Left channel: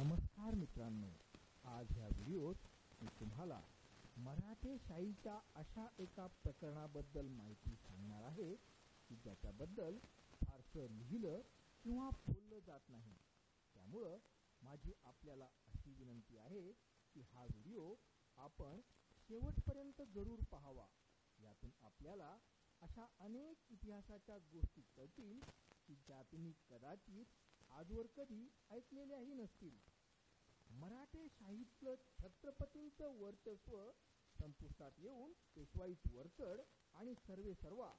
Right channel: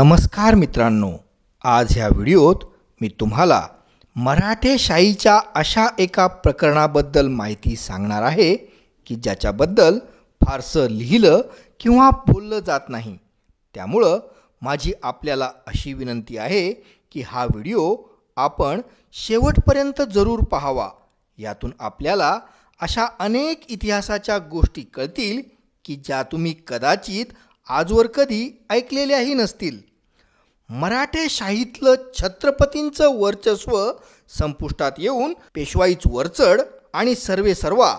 नमस्कार मित्रांनो, आज ह्या व्हिडिओत मी तुम्हाला मराठेशाहीच्या अशा एका प्रकरणाबद्दल माहिती सांगणार आहे की ज्याच्याबद्दल फारसं लिहिलं किंवा बोललं जात नाही. त्यामुळं माझी आपल्याला अशी विनंती आहे की हा व्हिडिओ आपण शेवटपर्यंत जरूर पाहावा. यातून आपल्याला अशा अनेक इतिहासाच्या गोष्टी कळतील की ज्या तुम्ही कदाचित आजवर कधी ऐकलेल्याही नसतील. मराठेशाहीतलं छत्रपतींचं वर्चस्व संपुष्टात येऊन पेशवाईच वरचढ आणि सर्वेसर्वा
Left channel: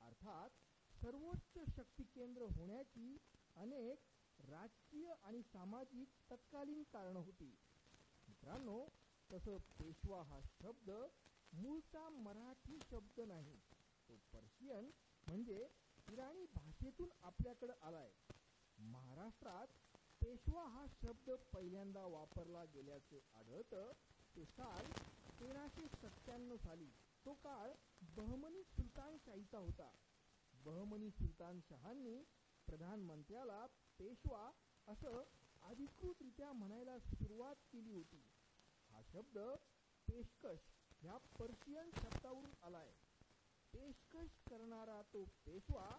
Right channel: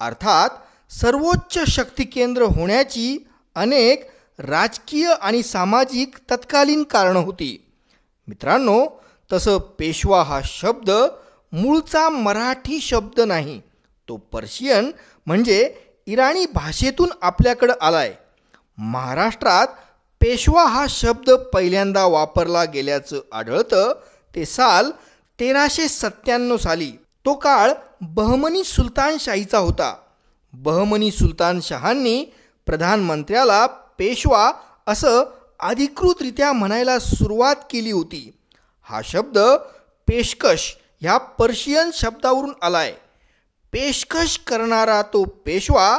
अर्थात सर्वोच्च शक्ती केंद्र होण्याची अनेक राजकीय आणि सामाजिक तत्कालीन कारणं होती. मित्रांनो, तसं पेशवा हा शब्द मूळचा मराठी शब्द नाही, तो पर्शियन म्हणजे इराणी भाषेतून आपल्याकडं आलाय. महाराष्ट्रात पेशवा हा शब्द पहिल्यांदा वापरला गेल्याचं आढळतं ते साल 1397 साली. तो काळ बहमनी सुलतानशाहीचा होता. बहमनी सुलतानशहांनी प्रधानमंत्र्याला पेशवा असं अधिकृतरित्या म्हणायला सुरुवात केली होती. हा शब्द पेशकश ह्या पर्शियन शब्दावरून आलाय. पेशकश करणारा तो पेशवा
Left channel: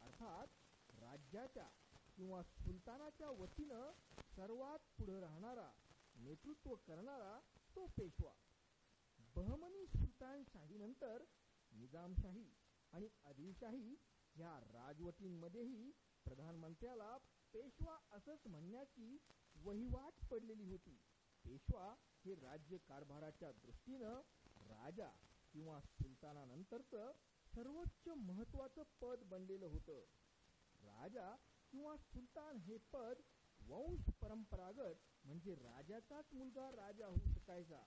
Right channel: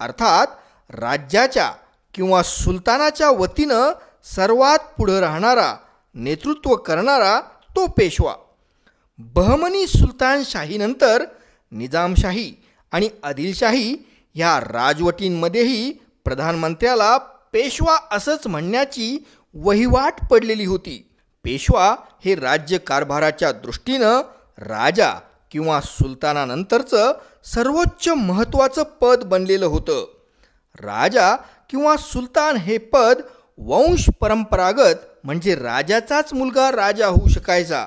अर्थात राज्याच्या किंवा सुलतानाच्या वतीनं सर्वात पुढं राहणारा, नेतृत्व करणारा तो पेशवा. बहमनी सुलतानशाहीनंतर निजामशाही आणि आदिलशाही ह्या राजवटींमध्येही प्रधानमंत्र्याला पेशवा असंच म्हणण्याची वहिवाट पडलेली होती. पेशवा हे राज्यकारभाराच्या दृष्टीनं राजा किंवा सुलतानानंतरचं सर्वोच्च महत्त्वाचं पद बनलेलं होतं. राजा किंवा सुलतान हे पद वंश परंपरागत म्हणजे राजाचाच मुलगा राजा होऊ शकायचा,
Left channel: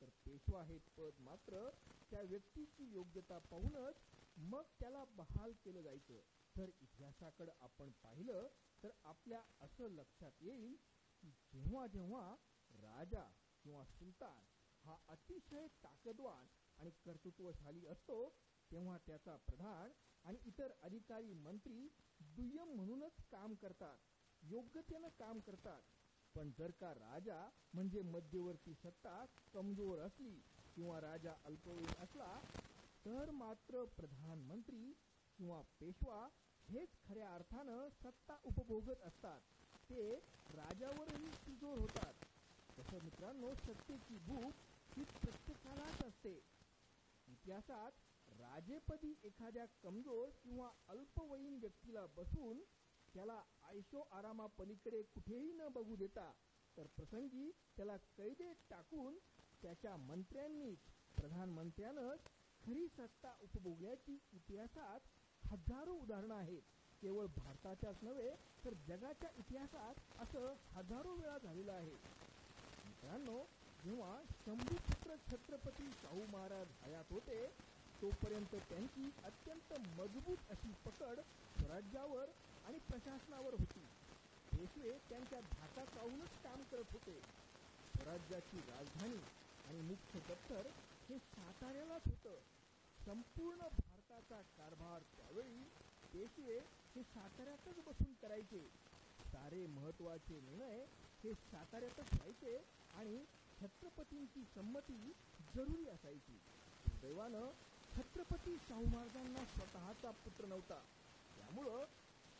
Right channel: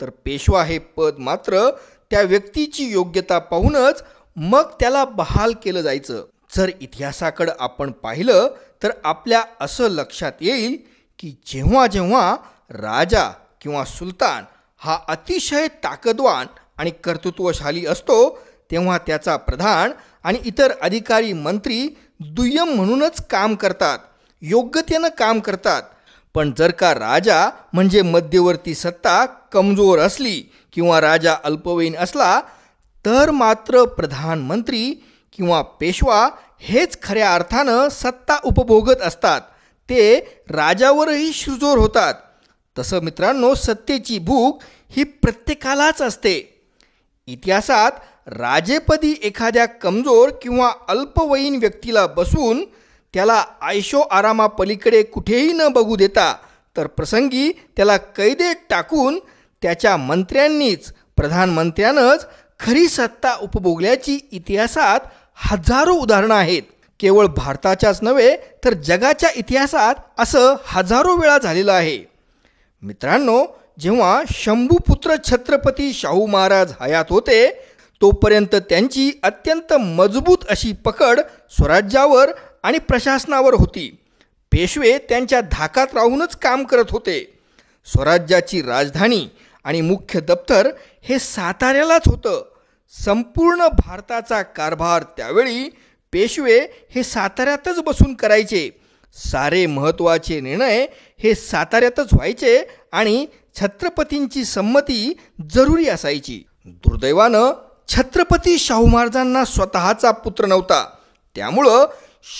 तर पेशवा हे पद मात्र त्या व्यक्तीची योग्यता पाहूनच मग त्याला बहाल केलं जायचं. जर इतिहासाकडं आपण पाहिलं तर आपल्या असं लक्षात येईल की जेव्हा जेव्हा राजा किंवा सुलतान हा अतिशय ताकदवान आणि कर्तृत्वशाली असतो तेव्हा त्याचा प्रधान आणि इतर अधिकारी मंत्री दुय्यम म्हणूनच काम करतात, योग्यतेनं काम करतात. पण जर का राजा म्हणजे मध्यवर्ती सत्ता कमजोर असली किंवा राजा अल्पवयीन असला तर मात्र प्रधानमंत्री किंवा पेशवा हेच खऱ्या अर्थानं सत्ता उपभोगत असतात. ते राजावरही शिरजोर होतात. तसं मित्रांनो, सत्तेची भूक ही प्रत्येकालाच असते. इतिहासात राजेपदी एखाद्या कमजोर किंवा अल्पवयीन व्यक्तीला बसून त्याला आयशो आरामापलीकडे कुठेही न बघू देता तर प्रसंगी त्याला कैदेत टाकून त्याच्या मंत्र्यांनीच, प्रधानमंत्र्यानंच खरी सत्ता उपभोगल्याची इतिहासात हजारो उदाहरणं आहेत. केवळ भारताच्याच नव्हे तर जगाच्या इतिहासात असं हजारो वेळा झालेलं आहे. मित्रांनो, जेव्हा शंभूपुत्र छत्रपती शाहू महाराज हयात होते तोपर्यंत त्यांची अत्यंत मजबूत अशी पकड स्वराज्यावर आणि प्रशासनावर होती. पेशवे त्यांच्या धाकात राहूनच काम करत होते. स्वराज्याची राजधानी आणि मुख्य दप्तर हे साताऱ्यालाच होतं. संपूर्ण भारताचा कारभार त्यावेळी पेशवे हे साताऱ्यातच बसून करायचे. सारे महत्त्वाचे निर्णय हे साताऱ्यातच व्हायचे आणि छत्रपतींची संमती जरुरी असायची. दुर्दैवानं छत्रपती शाहू महाराजांना स्वतःचा पुत्र नव्हता. त्यामुळं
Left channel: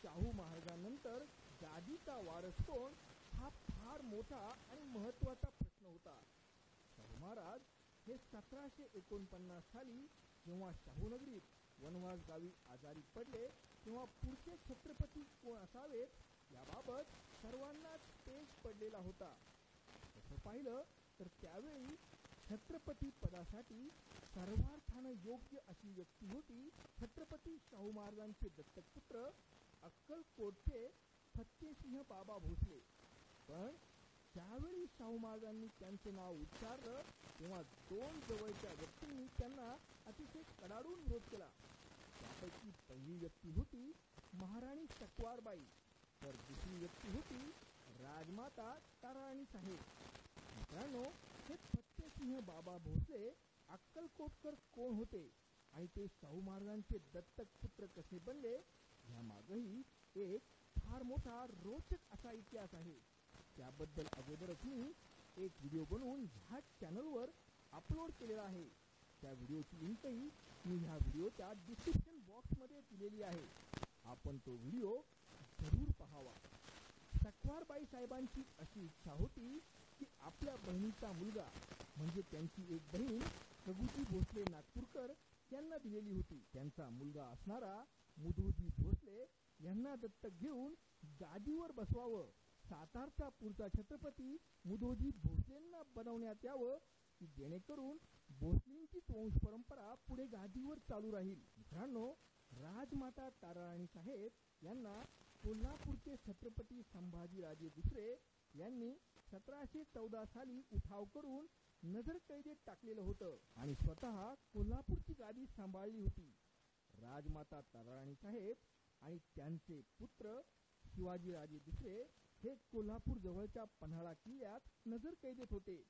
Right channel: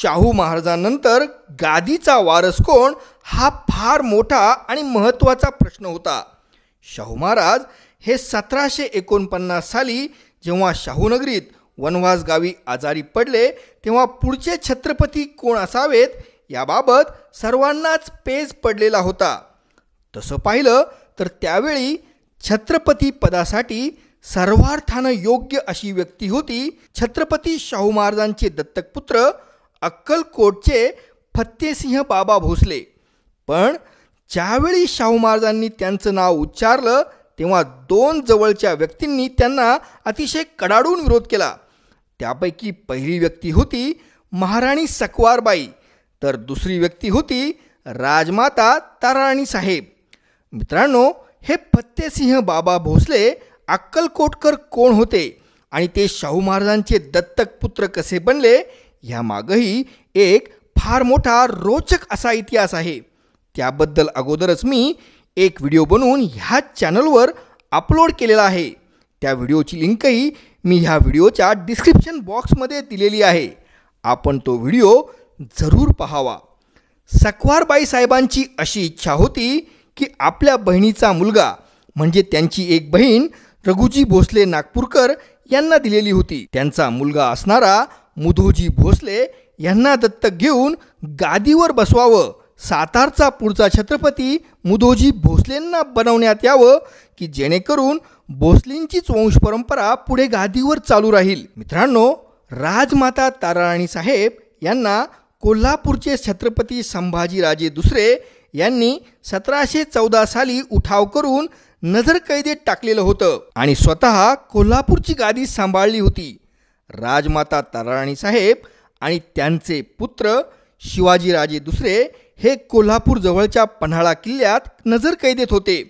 शाहू महाराजांनंतर गादीचा वारस कोण हा फार मोठा आणि महत्त्वाचा प्रश्न होता. शाहू महाराज हे 1749 साली जेव्हा शाहूनगरीत वनवास गावी आजारी पडले तेव्हा पुढचे छत्रपती कोण असावेत याबाबत सर्वांनाच पेच पडलेला होता. तसं पाहिलं तर त्यावेळी छत्रपती पदासाठी सर्वार्थानं योग्य अशी व्यक्ती होती छत्रपती शाहू महाराजांचे दत्तक पुत्र अक्कलकोटचे फत्तेसिंह बाबा भोसले. पण ज्यावेळी शाहू महाराजांनी त्यांचं नाव उच्चारलं तेव्हा दोन जवळच्या व्यक्तींनी त्यांना अतिशय कडाडून विरोध केला. त्यापैकी पहिली व्यक्ती होती महाराणी सकवारबाई तर दुसरी व्यक्ती होती राजमाता ताराराणी साहेब. मित्रांनो, हे फत्तेसिंह बाबा भोसले अक्कलकोटकर कोण होते आणि ते शाहू महाराजांचे दत्तक पुत्र कसे बनले ह्यामागही एक फार मोठा रोचक असा इतिहास आहे. त्याबद्दल अगोदरच मी एक व्हिडिओ बनवून ह्याच चॅनलवर अपलोड केलेला आहे. त्या व्हिडिओची लिंकही मी ह्या व्हिडिओच्या डिस्क्रिप्शन बॉक्समध्ये दिलेली आहे. आपण तो व्हिडिओ जरूर पाहावा. सकवारबाई साहेबांची अशी इच्छा होती की आपल्या बहिणीचा मुलगा म्हणजे त्यांची एक बहीण रघुजी भोसले नागपूरकर यांना दिलेली होती. त्यांचा मुलगा असणारा मुधोजी भोसले यांना दत्तक घेऊन गादीवर बसवावं, सातारचा पुढचा छत्रपती मुधोजी भोसलेंना बनवण्यात यावं की जेणेकरून भोसलेंचीच वंशपरंपरा पुढे गादीवर चालू राहील. मित्रांनो, राजमाता ताराराणी साहेब यांना कोल्हापूरचे छत्रपती संभाजीराजे दुसरे यांनी 1714 साली उठाव करून नजरकैदेत टाकलेलं होतं आणि स्वतः कोल्हापूरची गादी सांभाळली होती. राजमाता ताराराणी साहेब आणि त्यांचे पुत्र शिवाजीराजे दुसरे हे कोल्हापूर जवळच्या पन्हाळा किल्ल्यात नजरकैदेत होते.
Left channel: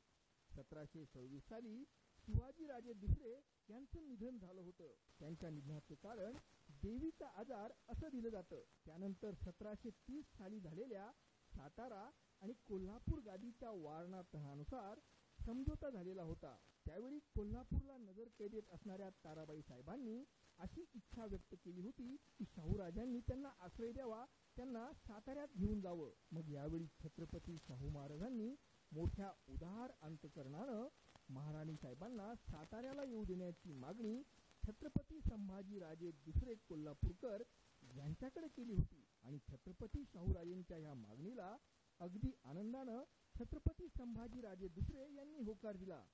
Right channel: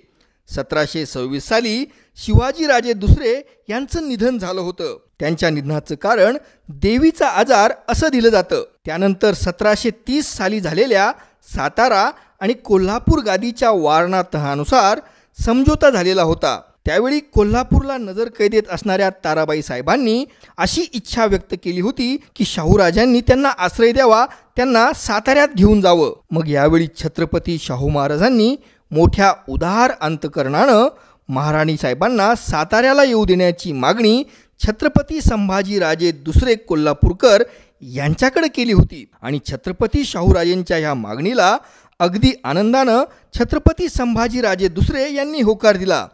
1726 साली शिवाजीराजे दुसरे यांचं निधन झालं होतं. त्यांच्या निधनाचं कारण देवीचा आजार असं दिलं जातं. त्यानंतर 1730 साली झालेल्या सातारा आणि कोल्हापूर गादीच्या वारणा तहानुसार समझोता झालेला होता. त्यावेळी कोल्हापूरला नजरकैदेत असणाऱ्या ताराबाई साहेबांनी अशी इच्छा व्यक्त केली होती की शाहूराजांनी त्यांना आश्रय द्यावा, त्यांना साताऱ्यात घेऊन जावं. मग यावेळी छत्रपती शाहू महाराजांनी मोठ्या उदार अंतकरणानं महाराणी साहेबांना साताऱ्याला येऊ देण्याची मागणी छत्रपती संभाजीराजे दुसरे कोल्हापूरकर यांच्याकडे केली होती आणि छत्रपती शाहूराजेंच्या ह्या मागणीला अगदी आनंदानं छत्रपती संभाजीराजे दुसरे यांनी होकार दिला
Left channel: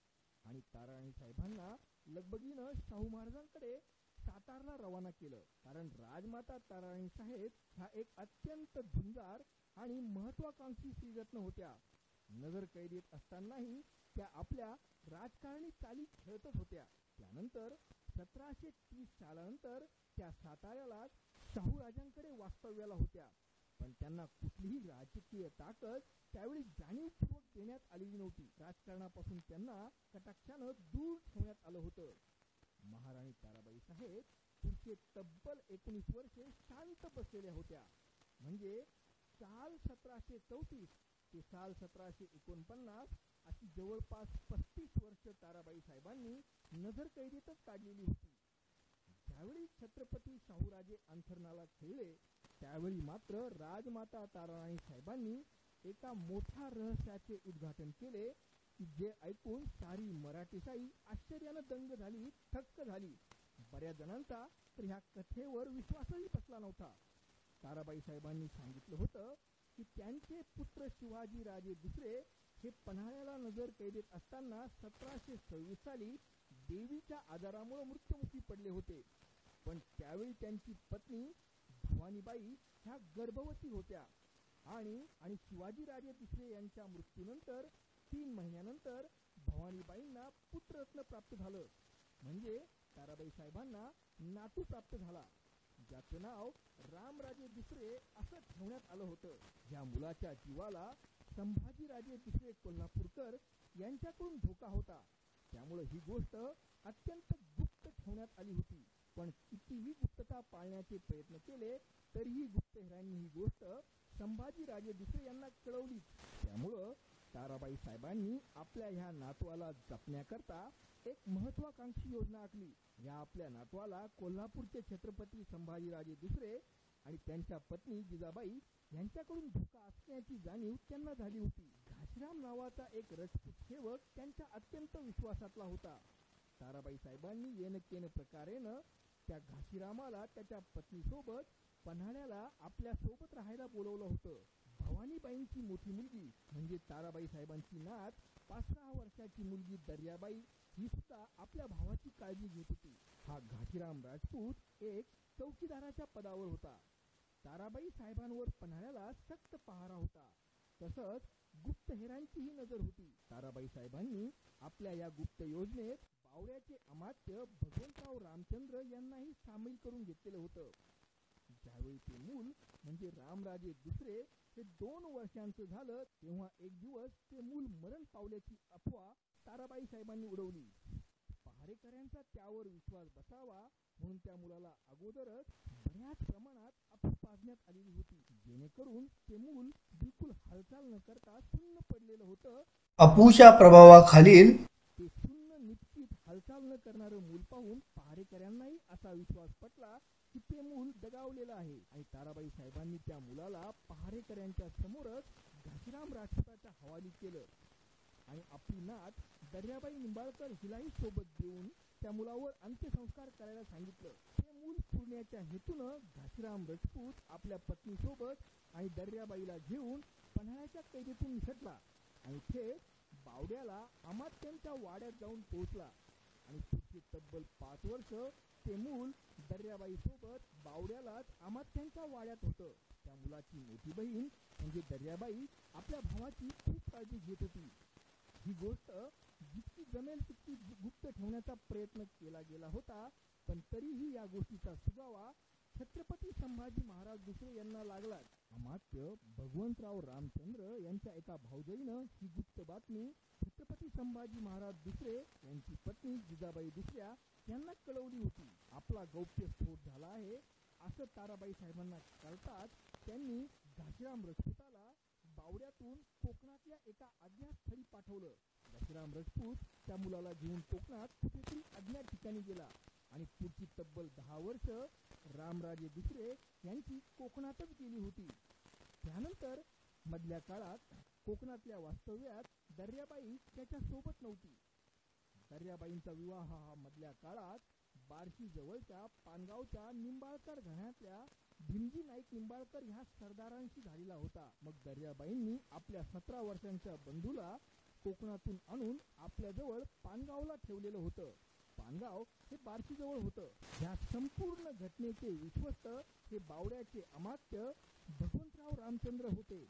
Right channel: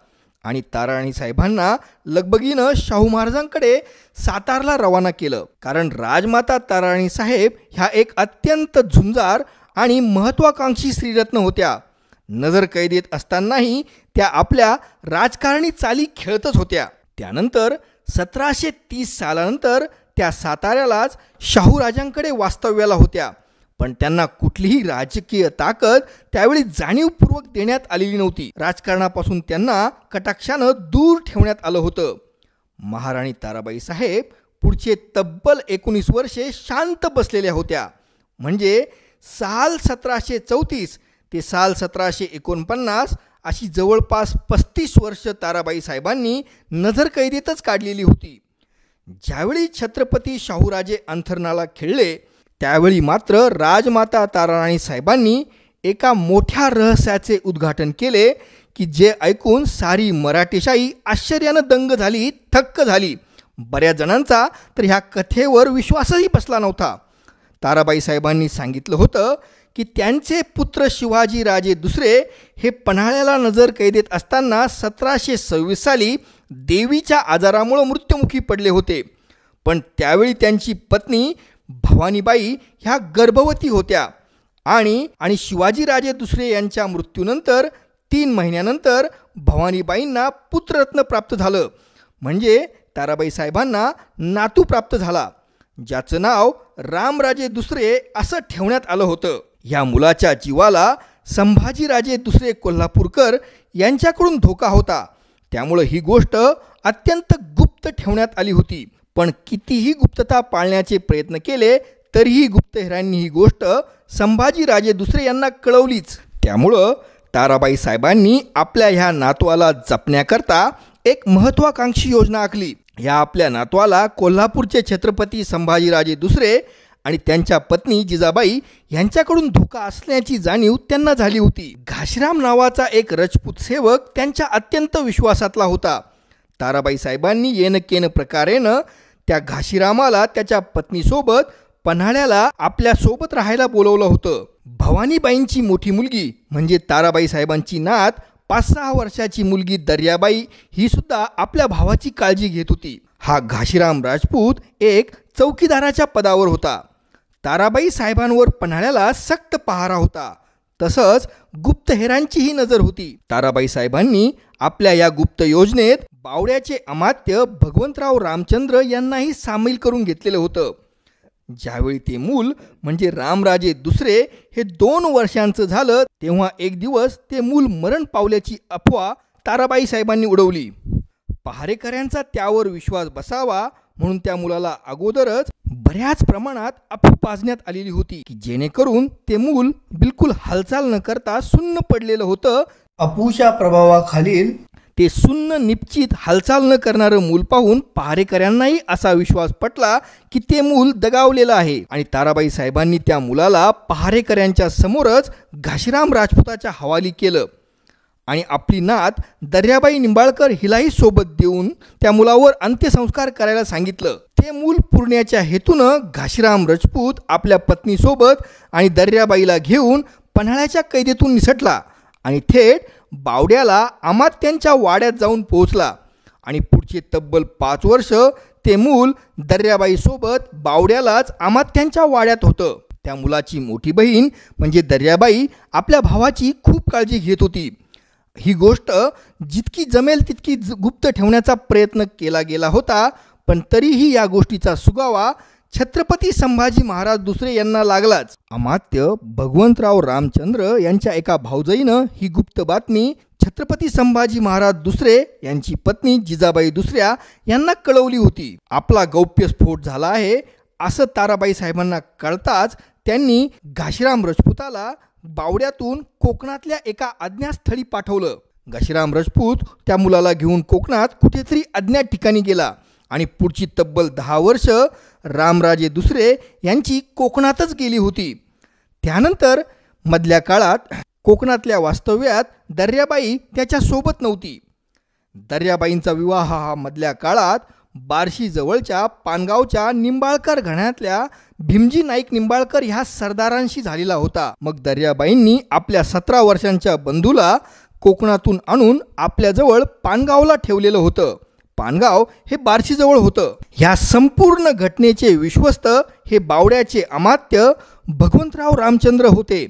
आणि ताराराणी साहेबांना लगबगीनं शाहू महाराजांकडे सातारला रवाना केलं. कारण राजमाता ताराराणी साहेब ह्या एक अत्यंत झुंजार आणि महत्त्वाकांक्षी श्रीरत्न होत्या. नजरकैदेत असतानाही त्या आपल्या राजकारणी चाली खेळतच होत्या. त्यानंतर 1730 सालानंतर त्या साताऱ्यालाच शाहूराजांकडे वास्तव्याला होत्या. पण त्यांना कुठलीही राजकीय ताकद त्यावेळी जाणीवपूर्वक देण्यात आलेली नव्हती. राजकारणापासून त्यांना कटाक्षानं दूर ठेवण्यात आलं होतं. महाराणी ताराबाई साहेब पुढचे तब्बल 19 वर्षे शांत बसलेल्या होत्या. म्हणजे साल 1734 ते साल 1749 अशी जवळपास 35 वर्ष ताराबाई साहेबांनी नजरकैदेतच काढलेली होती. ज्यावेळी छत्रपती शाहूराजे अंथरुणाला खिळले त्यावेळी मात्र राजमाता ताराराणी साहेबांनी एका मोठ्या रहस्याचे उद्घाटन केले की जे ऐकून सारी मराठीशाही आश्चर्यानं दंग झाली, थक्क झाली. बऱ्याच जणांचा तर ह्या कथेवर विश्वासही बसला नव्हता. ताराबाई साहेबांनी सांगितलं होतं की त्यांचे पुत्र शिवाजीराजे दुसरे हे पन्हाळ्याला नजरकैदेत असताना 1726 साली देवीच्या आजारामुळे मृत्युमुखी पडले होते. पण त्यावेळी त्यांची पत्नी भवानीबाई ह्या गर्भवती होत्या आणि शिवाजीराजे दुसरे यांच्या मृत्यूनंतर 3 महिन्यानंतर भवानीबाईंना पुत्ररत्न प्राप्त झालं. म्हणजे ताराबाई साहेबांना नातू प्राप्त झाला, ज्याचं नाव रामराजे दुसरे असं ठेवण्यात आलं होतं. या मुलाच्या जीवाला संभाजीराजे दुसरे कोल्हापूरकर यांच्याकडून धोका होता. त्यामुळं ही गोष्ट अत्यंत गुप्त ठेवण्यात आली होती. पण कितीही गुप्तता पाळण्याचे प्रयत्न केले तरीही गुप्तहेरांनी ही गोष्ट संभाजीराजे दुसरे यांना कळवलीच. त्यामुळं ताराबाई साहेबांनी आपल्या ह्या नातवाला जपण्याकरता एक महत्त्वाकांक्षी योजना आखली. या आपल्या नातवाला कोल्हापूरचे छत्रपती संभाजीराजे दुसरे आणि त्यांच्या पत्नी जिजाबाई यांच्याकडून धोका असल्याची जाणीव त्यांना झाली होती. घाशीराम नावाचा एक राजपूत सेवक त्यांच्या अत्यंत विश्वासातला होता. ताराबाई साहेबांनी येनकेन प्रकारेनं त्या घाशीरामाला त्याच्या पत्नीसोबत पन्हाळ्याला आपल्या सोबत राहायला बोलवलं होतं. भवानीबाईंची मोठी मुलगी म्हणजे ताराबाई साहेबांची नात 5-6 वर्षाची मुलगी दर्याबाई ही सुद्धा आपल्या भावाची काळजी घेत होती. हा घाशीराम राजपूत एक चौकीदाराच्या पदावर होता. ताराबाई साहेबांवर पन्हाळ्याला सक्त पहारा होता. तसंच गुप्तहेरांचीही नजर होती. ताराबाई साहेबांनी आपल्या या गुप्त योजनेत बावड्याचे अमात्य भगवंतराव रामचंद्र यांनाही सामील करून घेतलेलं होतं. ज्यावेळी ते मूल म्हणजे रामराजे दुसरे हे 2 वर्षांचं झालं तेव्हा एक दिवस ते मूल मरण पावल्याची अफवा ताराबाई साहेबांनी उडवली. पहारेकऱ्यांचा त्यावर विश्वास बसावा म्हणून त्या मुलाला अगोदरच बऱ्याच प्रमाणात अफू पाजण्यात आलेली होती की जेणेकरून ते मूल बिलकुल हालचाल न करता सुन्न पडलेलं होतं. अफूच्या प्रभावाखालील ते सुन्न निश्चित हालचाल न करणारं मूल पाहून पहारेकऱ्यांनाही असा विश्वास पटला की ते मूल दगावलेलं आहे आणि ताराबाई साहेबांनी त्या मुलाला पहारेकऱ्यांच्या समोरच घाशीराम राजपुताच्या हवाली केलं आणि आपली नात दर्याबाई निंबाळकर हिलाही सोबत देऊन त्या मुलावर अंत्यसंस्कार करायला सांगितलं. ते मूल पुरण्याच्या हेतूनं घाशीराम राजपूत आपल्या पत्नीसोबत आणि दर्याबाईला घेऊन पन्हाळ्याच्या कैदेतून निसटला आणि थेट बावड्याला अमात्यांच्या वाड्यात जाऊन पोहोचला आणि पुढचे तब्बल 5 वर्ष ते मूल दर्याबाईसोबत बावड्यालाच अमात्यांच्या वाड्यात होतं. त्या मुलाची मोठी बहीण म्हणजे दर्याबाई आपल्या भावाची खूप काळजी घेत होती. ही गोष्ट जितकी जमेल तितकी गुप्त ठेवण्याचा प्रयत्न केला गेला होता, पण तरीही या गोष्टीचा सुगावा छत्रपती संभाजी महाराज दुसरे यांना लागलाच. अमात्य भगवंतराव रामचंद्र यांच्या एका भाऊजाईनं ही गुप्त बातमी छत्रपती संभाजी महाराज दुसरे यांची पत्नी जिजाबाई दुसऱ्या यांना कळवली होती. आपला गौप्यस्फोट झाला आहे असं ताराबाई साहेबांना कळताच त्यांनी घाशीराम राजपुताला बावड्यातून कोकणातल्या एका अज्ञात स्थळी पाठवलं. घाशीराम राजपूत त्या मुलाला घेऊन कोकणात कुठेतरी अज्ञात ठिकाणी गेला आणि पुढची तब्बल 10 वर्ष रामराजे दुसरे यांची कोकणातच गेली होती. त्यानंतर मधल्या काळात कोकणातल्या वास्तव्यात दर्याबाई त्याच्या सोबत नव्हती. दर्याबाईंचा विवाह हा मधल्या काळात बार्शी जवळच्या पानगावच्या निंबाळकर घराण्यातल्या भीमजी नाईक निंबाळकर ह्या सरदारांशी झालेला होता. मग दर्याबाईंनी आपल्या 17 वर्षांच्या बंधूला कोकणातून आणून आपल्याजवळ पानगावला ठेवलेलं होतं. पानगाव हे बार्शीजवळ होतं. ह्या संपूर्ण घटनेचे विश्वस्त हे बावड्याचे अमात्य भगवंतराव रामचंद्र होते.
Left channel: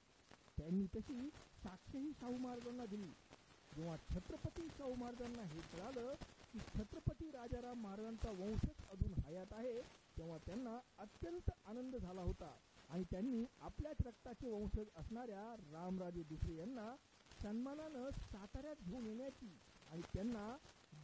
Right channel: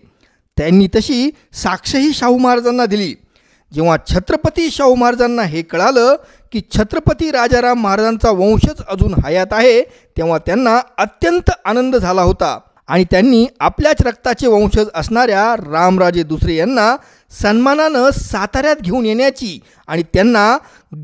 त्यांनी तशी साक्षही शाहू महाराजांना दिली. जेव्हा छत्रपती शाहू महाराजांना हे कळालं की छत्रपती राजाराम महाराजांचा वंशच अजून हयात आहे, तेव्हा त्यांना अत्यंत आनंद झाला होता आणि त्यांनी आपल्याच रक्ताचे वंशज असणाऱ्या रामराजे दुसरे यांना सन्मानानं साताऱ्यात घेऊन येण्याची आणि त्यांना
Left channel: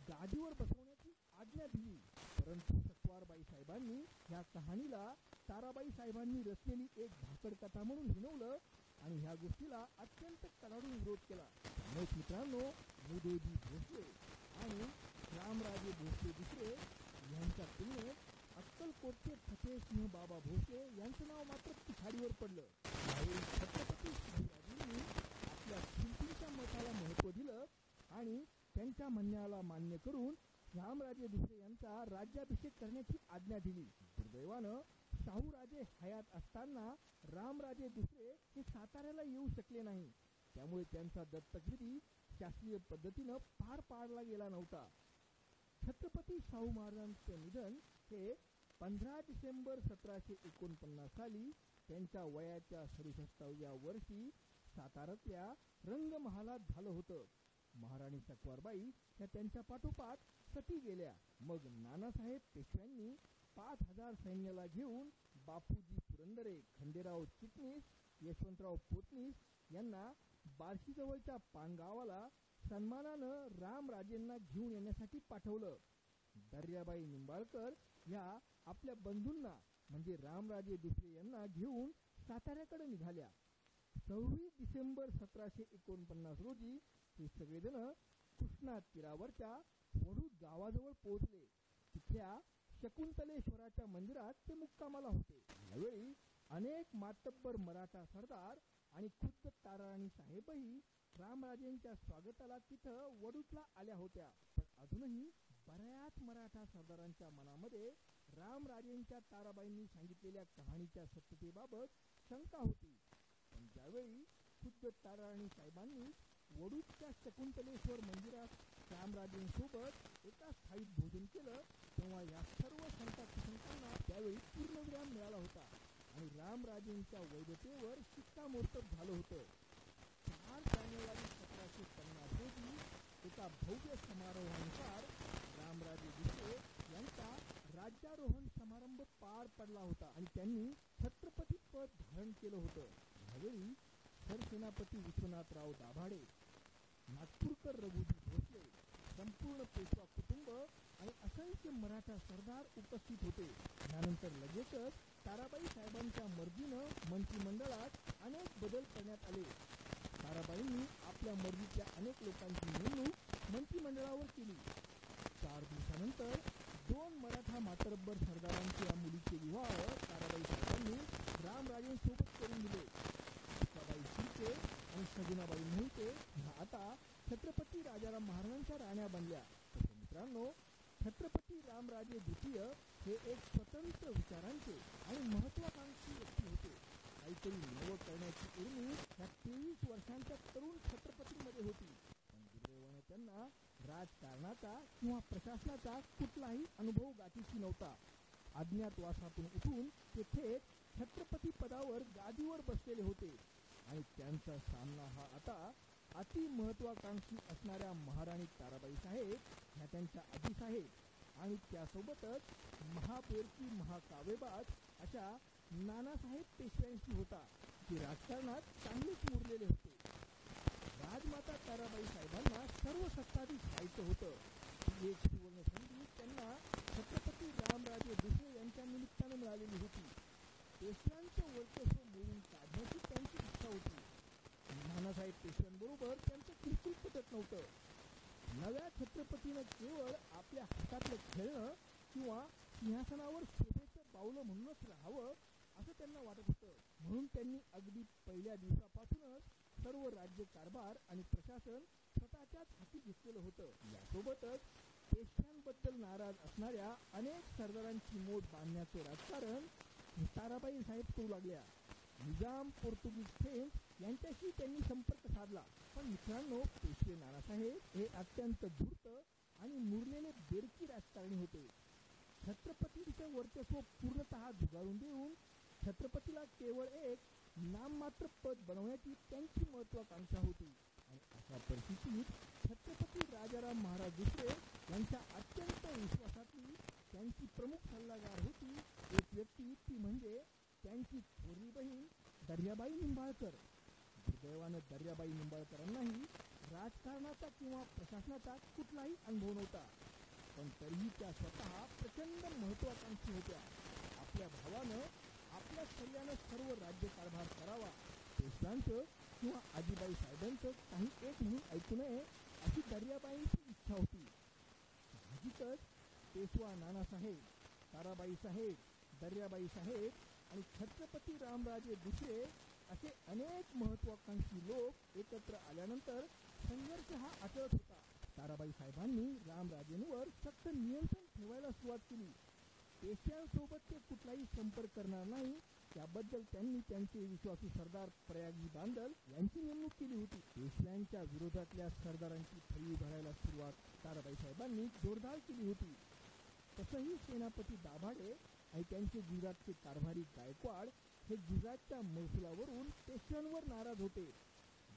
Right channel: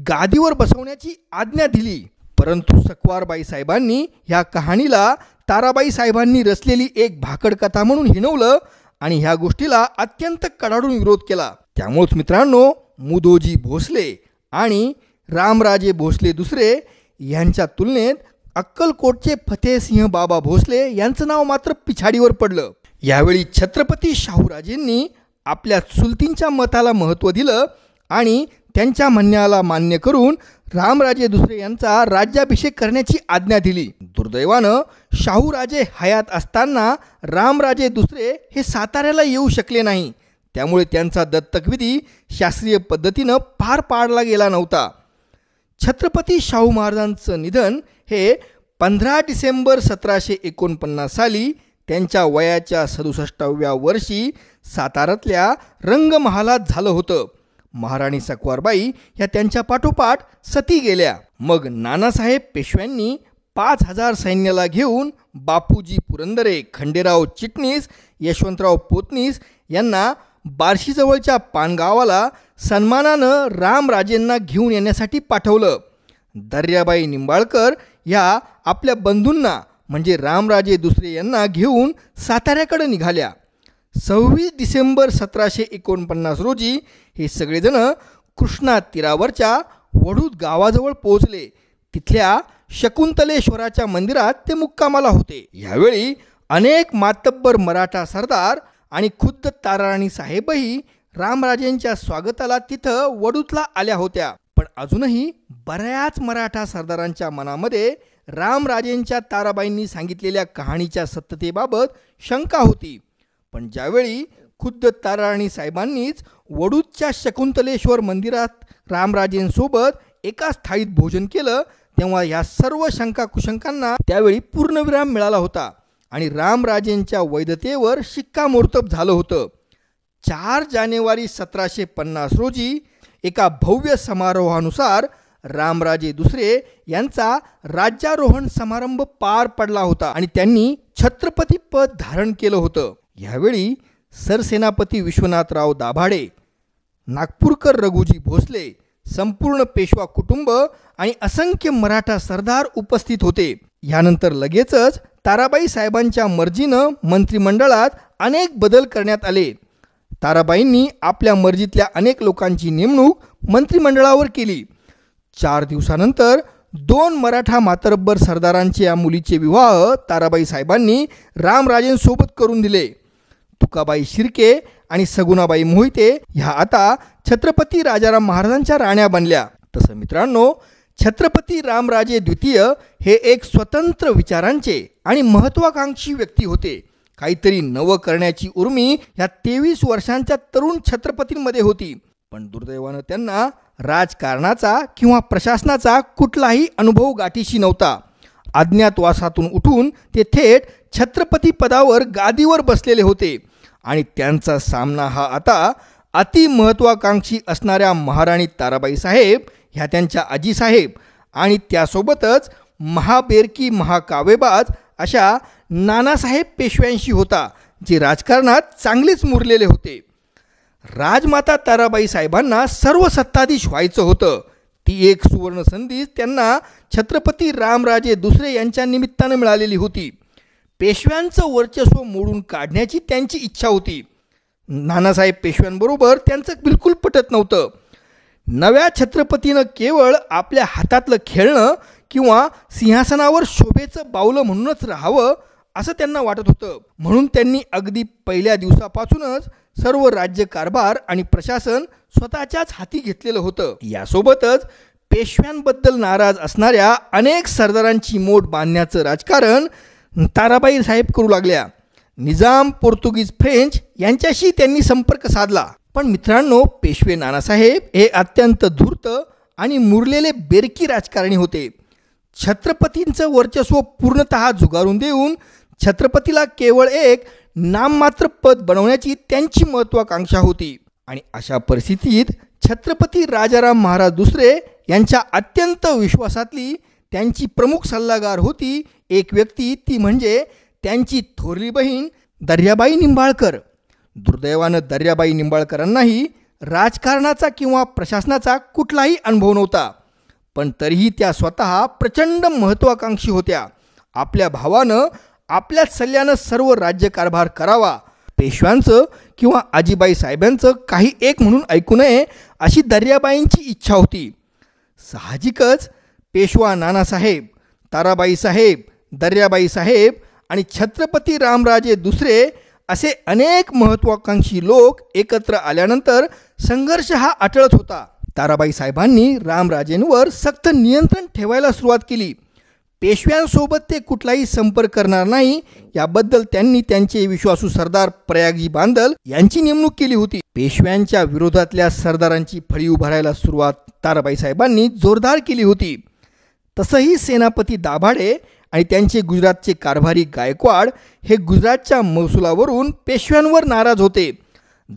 गादीवर बसवण्याची आज्ञा दिली. परंतु सकवारबाई साहेबांनी ह्या कहाणीला ताराबाई साहेबांनी रचलेली एक भाकड कथा म्हणून हिणवलं आणि ह्या गोष्टीला अत्यंत कडाडून विरोध केला. त्यामुळेच मित्रांनो, मुदोजी भोसले आणि रामराजे भोसले दुसरे यांच्या तुलनेत अक्कलकोटचे फतेहसिंह बाबा भोसले यांचं नाव मात्र पिछाडीवर पडलं. यावेळी छत्रपती शाहूराजेंनी आपल्या चुलतींच्या मताला महत्त्व दिलं आणि त्यांच्या म्हणण्याला मान्य करून रामराजे दुसरे यांचा राज्याभिषेक करण्याची आज्ञा दिली. दुर्दैवानं शाहूराजे हयात असताना रामराजे दुसरे हे साताऱ्याला येऊ शकले नाही. त्यामुळे त्यांचा दत्तकविधी शास्त्रीय पद्धतीनं पार पाडला गेला नव्हता. छत्रपती शाहू महाराजांचं निधन हे 15 डिसेंबर 1749 साली त्यांच्या वयाच्या 67व्या वर्षी साताऱ्यातल्या रंगमहालात झालं होतं. महाराणी सकवारबाई या त्यांच्या पाठोपाठ सती गेल्या. मग नानासाहेब पेशव्यांनी 5000 सैन्याला घेऊन बापूजी पुरंदरे, खंडेराव चिटणीस, यशवंतराव पोतनीस यांना बार्शीजवळच्या पानगावाला सन्मानानं रामराजेंना घेऊन येण्यासाठी पाठवलं. दर्याबाई निंबाळकर ह्या आपल्या बंधूंना म्हणजे रामराजे दुसरे यांना घेऊन साताऱ्याकडे निघाल्या. 26 डिसेंबर 1749 रोजी हे सगळेजण कृष्णा तीरावरच्या वडूद गावाजवळ पोहोचले. तिथल्या शकुंतलेश्वराच्या मंदिरात ते मुक्कामाला होते. यावेळी अनेक मातब्बर मराठा सरदार आणि खुद्द ताराराणी साहेबही रामराजेंच्या स्वागताला तिथं वडूदला आल्या होत्या. पण अजूनही बऱ्याच मराठा सरदारांच्या मनामध्ये रामराजेंच्या ताराबाईंनी सांगितलेल्या कहाणीच्या सत्यतेबाबत शंका होती. पण ज्यावेळी खुद्द ताराराणी साहेबांनीच वडूदच्या शकुंतलेश्वर मंदिरात रामराजेंसोबत एकाच थाळीत भोजन केलं, तेव्हा या सर्व शंका कुशंकांना त्यावेळी पूर्णविराम मिळाला होता आणि रामराजेंच्या वैधतेवर शिक्कामोर्तब झालं होतं. 4 जानेवारी 1750 रोजी एका भव्य समारोहानुसार रामराजे दुसरे यांचा राज्यारोहण समारंभ पार पडला होता आणि त्यांनी छत्रपती पद धारण केलं होतं. यावेळी सरसेनापती विश्वनाथराव दाभाडे, नागपूरकर रघुजी भोसले, संपूर्ण पेशवा कुटुंब आणि असंख्य मराठा सरदार उपस्थित होते. यानंतर लगेचच ताराबाई साहेबांच्या मर्जीनं मंत्रिमंडळात अनेक बदल करण्यात आले. ताराबाईंनी आपल्या मर्जीतल्या अनेक लोकांची नेमणूक मंत्रिमंडळावर केली. 4 दिवसानंतर 2 मराठा मातब्बर सरदारांच्या या मुलीचे विवाह ताराबाई साहेबांनी रामराजेंसोबत करून दिले. तुकाबाई शिर्के आणि सगुणाबाई मोहिते ह्या आता छत्रपती राजाराम महाराजांच्या राण्या बनल्या. तसं मित्रांनो, छत्रपती रामराजे द्वितीय हे एक स्वतंत्र विचारांचे आणि महत्त्वाकांक्षी व्यक्ती होते. काहीतरी नवं करण्याची उर्मी या 23 वर्षांच्या तरुण छत्रपतींमध्ये होती. पण दुर्दैवानं त्यांना राजकारणाचा किंवा प्रशासनाचा कुठलाही अनुभव गाठीशी नव्हता. अज्ञातवासातून उठून ते थेट छत्रपती पदावर गादीवर बसलेले होते आणि त्यांचा सामना हा आता अति महत्त्वाकांक्षी असणाऱ्या महाराणी ताराबाई साहेब ह्या त्यांच्या आजीसाहेब आणि त्यासोबतच महाबेरकी महाकाव्यबाज अशा नानासाहेब पेशव्यांशी होता, जे राजकारणात चांगलेच मुरलेले होते. राजमाता ताराबाई साहेबांना सर्व सत्ताधीश व्हायचं होतं. ती एक सुवर्ण संधी त्यांना छत्रपती रामराजे दुसरे यांच्या निमित्तानं मिळालेली होती. पेशव्यांचं वर्चस्व मोडून काढण्याची त्यांची इच्छा होती. नानासाहेब पेशव्यांबरोबर त्यांचं बिलकुल पटत नव्हतं. नव्या छत्रपतीनं केवळ आपल्या हातातलं खेळणं किंवा सिंहासनावर शोभेचं बावलं म्हणूनच राहावं असं त्यांना वाटत होतं. म्हणून त्यांनी अगदी पहिल्या दिवसापासूनच सर्व राज्यकारभार आणि प्रशासन स्वतःच्याच हाती घेतलेलं होतं. यासोबतच पेशव्यांबद्दल नाराज असणाऱ्या अनेक सरदारांची मोठ बांधण्याचं राजकारण ताराबाई साहेब करू लागल्या. निजाम, पोर्तुगीज, फ्रेंच यांच्याशी त्यांनी संपर्क साधला. पण मित्रांनो, पेशवे नानासाहेब हे अत्यंत धूर्त आणि मुरलेले बेरकी राजकारणी होते. छत्रपतींचं वर्चस्व पूर्णतः झुगारून देऊन छत्रपतीला केवळ एक नाममात्र पद बनवण्याची त्यांची महत्त्वाकांक्षा होती. आणि अशा परिस्थितीत छत्रपती राजाराम महाराज दुसरे यांच्या अत्यंत विश्वासातली त्यांची प्रमुख सल्लागार होती एक व्यक्ती, ती म्हणजे त्यांची थोरली बहीण दर्याबाई निंबाळकर. दुर्दैवानं दर्याबाई निंबाळकरांनाही राजकारणाचा किंवा प्रशासनाचा कुठलाही अनुभव नव्हता. पण तरीही त्या स्वतः प्रचंड महत्त्वाकांक्षी होत्या. आपल्या भावानं आपल्याच सल्ल्यानं सर्व राज्यकारभार करावा, पेशव्यांचं किंवा आजीबाई साहेबांचं काही एक म्हणून ऐकू नये अशी दर्याबाईंची इच्छा होती. साहजिकच पेशवा नानासाहेब, ताराबाई साहेब, दर्याबाई साहेब आणि छत्रपती रामराजे दुसरे असे अनेक महत्त्वाकांक्षी लोक एकत्र आल्यानंतर संघर्ष हा अटळच होता. ताराबाई साहेबांनी रामराजेंवर सक्त नियंत्रण ठेवायला सुरुवात केली. पेशव्यांसोबत ते कुठलाही संपर्क करणार नाही याबद्दल त्यांनी त्यांचे विश्वासू सरदार प्रयागजी बांदल यांची नेमणूक केली होती. पेशव्यांच्या विरोधातल्या सरदारांची फळी उभारायला सुरुवात ताराबाई साहेबांनी जोरदार केली होती. तसंही सेनापती दाभाडे आणि त्यांचे गुजरातचे कारभारी गायकवाड हे गुजरातच्या महसुलावरून पेशव्यांवर नाराज होते.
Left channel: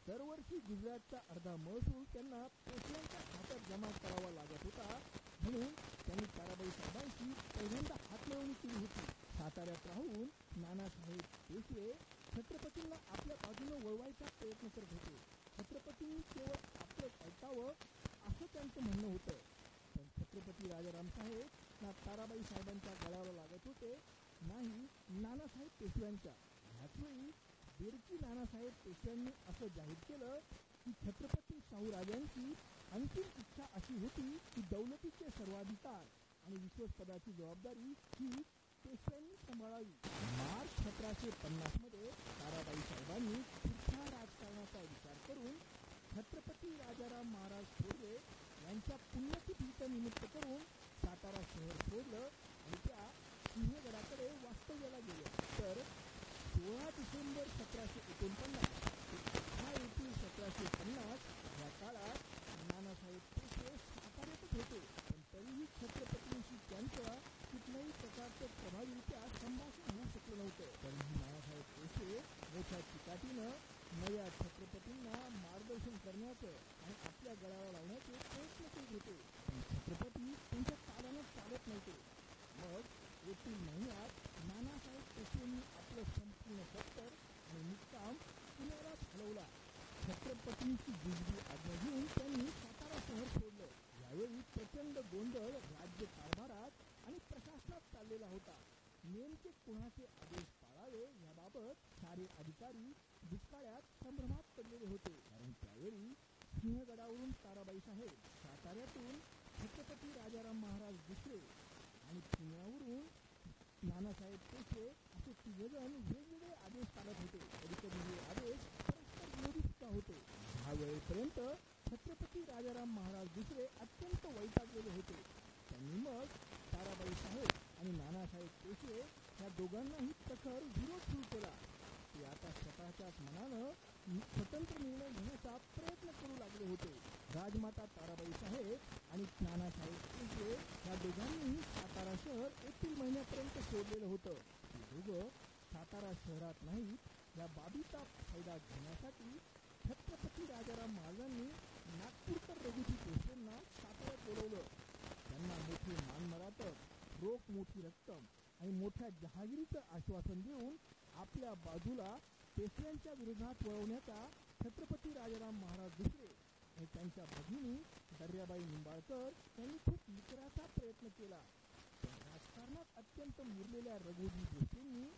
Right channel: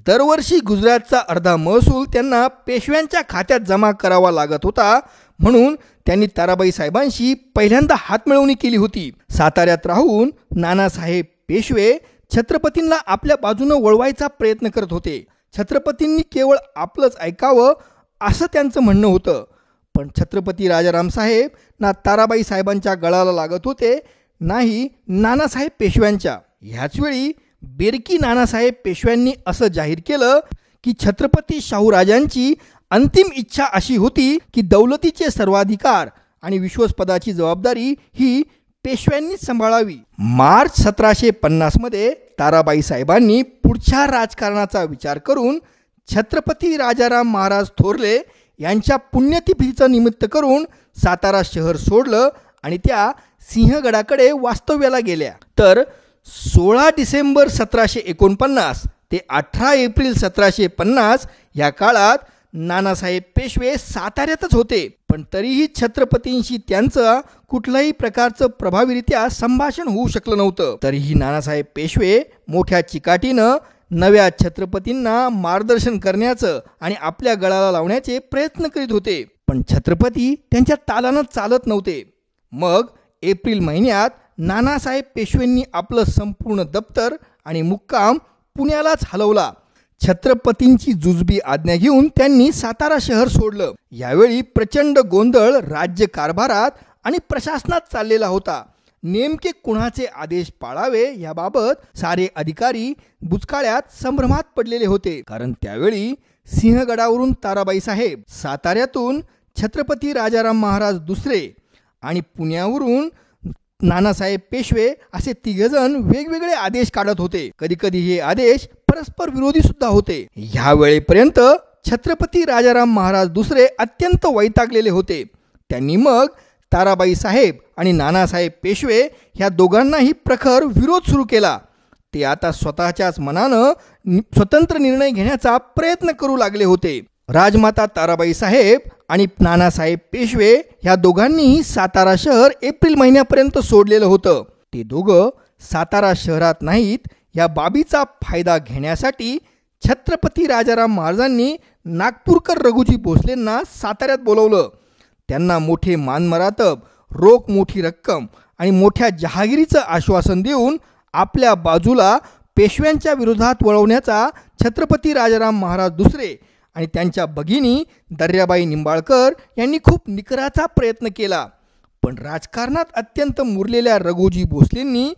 दरवर्षी गुजरातचा अर्धा महसूल त्यांना पेशव्यांच्या खात्यात जमा करावा लागत होता. म्हणून त्यांनी ताराबाई साहेबांशी पहिल्यांदा हातमिळवणी केली होती. साताऱ्यात राहून नानासाहेब पेशवे छत्रपतींना आपल्या बाजूनं वळवायचा प्रयत्न करत होते. छत्रपतींनी केवळ आपलंच ऐकावं असं त्यांचं म्हणणं होतं. पण छत्रपती राजाराम साहेब ना ताराबाई साहेबांच्या गळाला लागत होते, नाही नानासाहेब पेशव्यांच्या. ह्याचवेळी बेरकी नानासाहेब पेशव्यांनी असं जाहीर केलं की छत्रपती शाहूराजांची अंतिम इच्छा अशी होती की दौलतीचे सर्वाधिकार आणि विश्वस्पदाची जबाबदारी ही पेशव्यांनीच सांभाळावी. मार्च 1750 ताराबाई साहेबांनी पुढच्या राजकारणाचा विचार करून छत्रपती राजाराम महाराज थोरले यांच्या पुण्यतिथीचं निमित्त करून सातारा शहर सोडलं आणि त्या सिंहगडाकडे वास्तव्याला गेल्या. तर 16 डिसेंबर 1749 ते 18 एप्रिल 1750 या काळात नानासाहेब पेशवे साताऱ्यातच होते. पण तरीही छत्रपतींशी त्यांचं कुठल्याही प्रकारचं प्रभावीरित्या संभाषण होऊ शकलं नव्हतं. तरीही नानासाहेब पेशवे मोठ्या चिकाटीनं नव्या छत्रपतींना मार्गदर्शन करण्याचं आणि आपल्या गळाला लावण्याचे प्रयत्न करीत होते. पण छत्रपती त्यांच्या तालानं चालत नव्हते. मग एप्रिल महिन्यात नानासाहेब पेशवेंनी आपलं संपूर्ण दप्तर आणि मुक्काम पुण्यालाच हलवला. छत्रपतींची जुजबी आज्ञा घेऊन त्यांनी सातारा शहर सोडलं. यावेळी प्रचंड गोंधळ राज्यकारभारात आणि प्रशासनात चाललेला होता. नेमके कुणाचे आदेश पाळावे याबाबत सारे अधिकारी बुचकाळ्यात संभ्रमात पडलेले होते. कारण त्यावेळी सिंहगडावरून ताराबाई साहेब, साताऱ्यातून छत्रपती राजाराम महाराज दुसरे आणि पुण्यावरून नानासाहेब पेशवे असे तिघजण वेगवेगळे आदेश काढत होते. कधी कधी हे आदेश परस्पर विरोधी सुद्धा होते. ह्या वेळेपर्यंत छत्रपती राजाराम महाराज दुसरे अत्यंत वैतागलेले होते. त्यांनी मग ताराबाई साहेब आणि नानासाहेब पेशवे ह्या दोघांनाही प्रखर विरोध सुरू केला. ते आता स्वतःच्याच मनानं स्वतंत्र निर्णय घेण्याचा प्रयत्न करू लागले होते. राजमाता ताराबाई साहेब आणि नानासाहेब पेशवे ह्या दोघांनीही सातारा शहर एप्रिल महिन्यापर्यंत सोडलेलं होतं. ते दोघं सातारा शहरात नाहीत या बाबीचा फायदा घेण्यासाठी छत्रपती राजाराम महाराजांनी नागपूरकर रघुजी भोसलेंना साताऱ्यात बोलवलं. त्यांना मोठे मानमरातब, रोख मोठी रक्कम आणि मोठ्या जहागिरीचं आश्वासन देऊन आपल्या बाजूला पेशव्यांच्या विरोधात वळवण्याचा छत्रपती राजाराम महाराज दुसरे आणि त्यांच्या भगिनी दर्याबाई निंबाळकर यांनी खूप निकराचा प्रयत्न केला. पण राजकारणात अत्यंत मुरलेल्या रघुजी भोसलेंनी